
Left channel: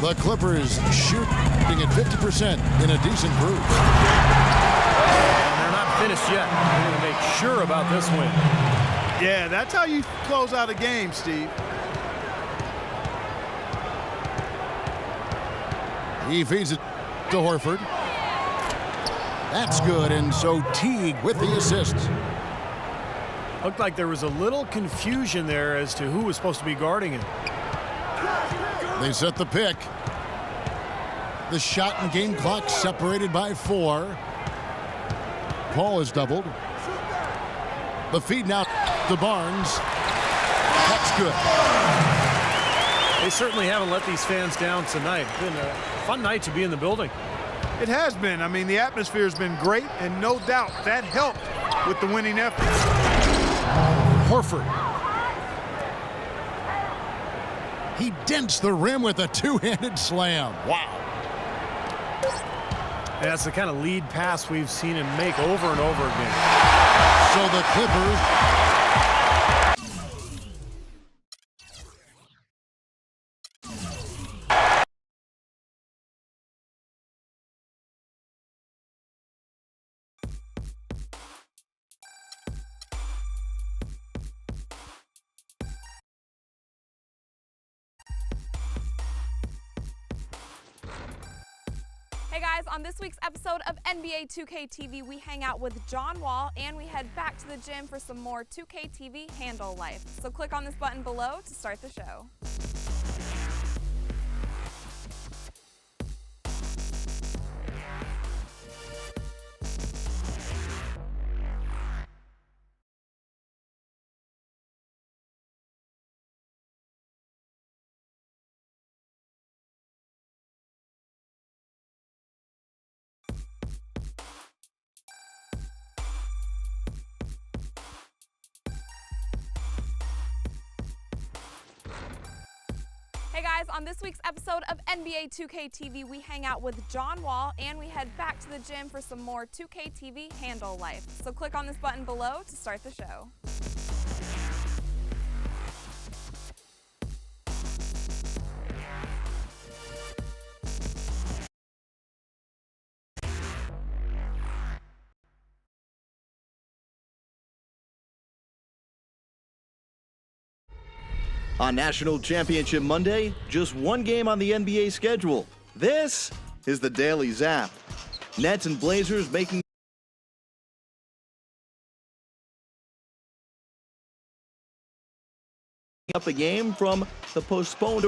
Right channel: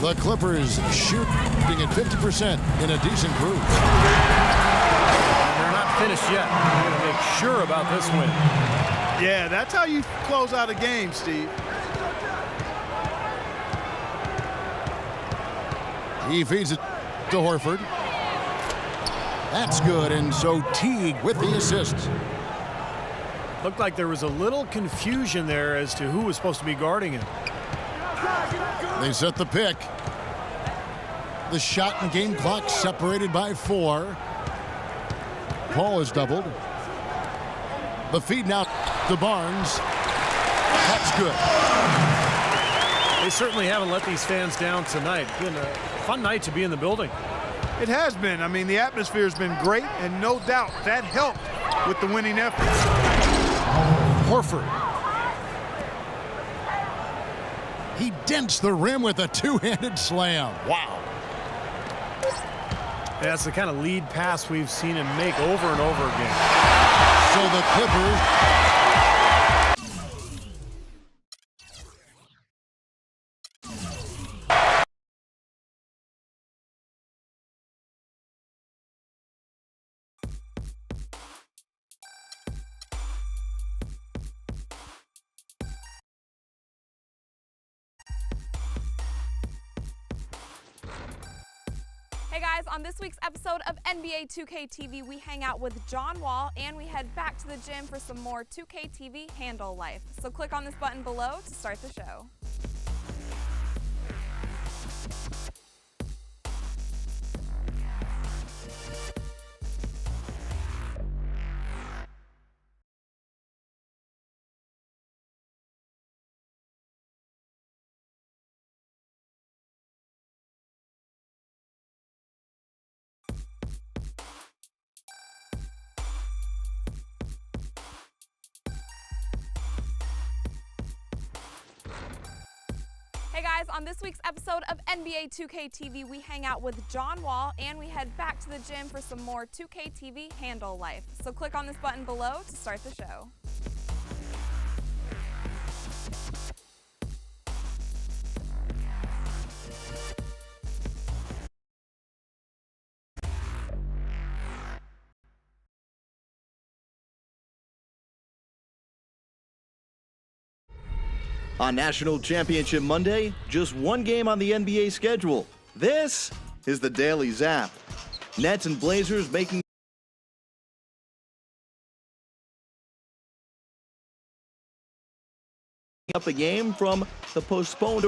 The Clippers shooting at 50% in a decent cruise. And they're not finished yet. They're going to make sure about this win. Yeah, that's how you close out a game, Steve. He feeds it to Horford. That's good, and so Teague with the assist. Looked like there was a little confusion there as to who was supposed to be guarding him. They set the pick. The shot and game clock separated by 4. Paul is doubled. The feed now to Barnes. That's good. They certainly haven't let these fans down tonight. It's been a fun night to be in the building. It has been. I mean, the atmosphere has been great, and no doubt that helped with the winning effort. Horford. He dents the rim with a 2-handed slam. Wow. That's the kind of lead pass we've seen him make over and over again. So the Clippers. Hey guys, on this week's episode of NBA 2K TV, we hang out with John Wall and we head back to the gym for some more 2K TV handle life. So click on this button below to start the show. Hey guys, on this week's episode of NBA 2K TV, we hang out with John Wall and we head back to the gym for some more 2K TV handle life. So click on this button below to start the show. On National Championship Monday, just one game on the NBA schedule. This is the Daily Zap. Nets and Blazers making up a game from the postponed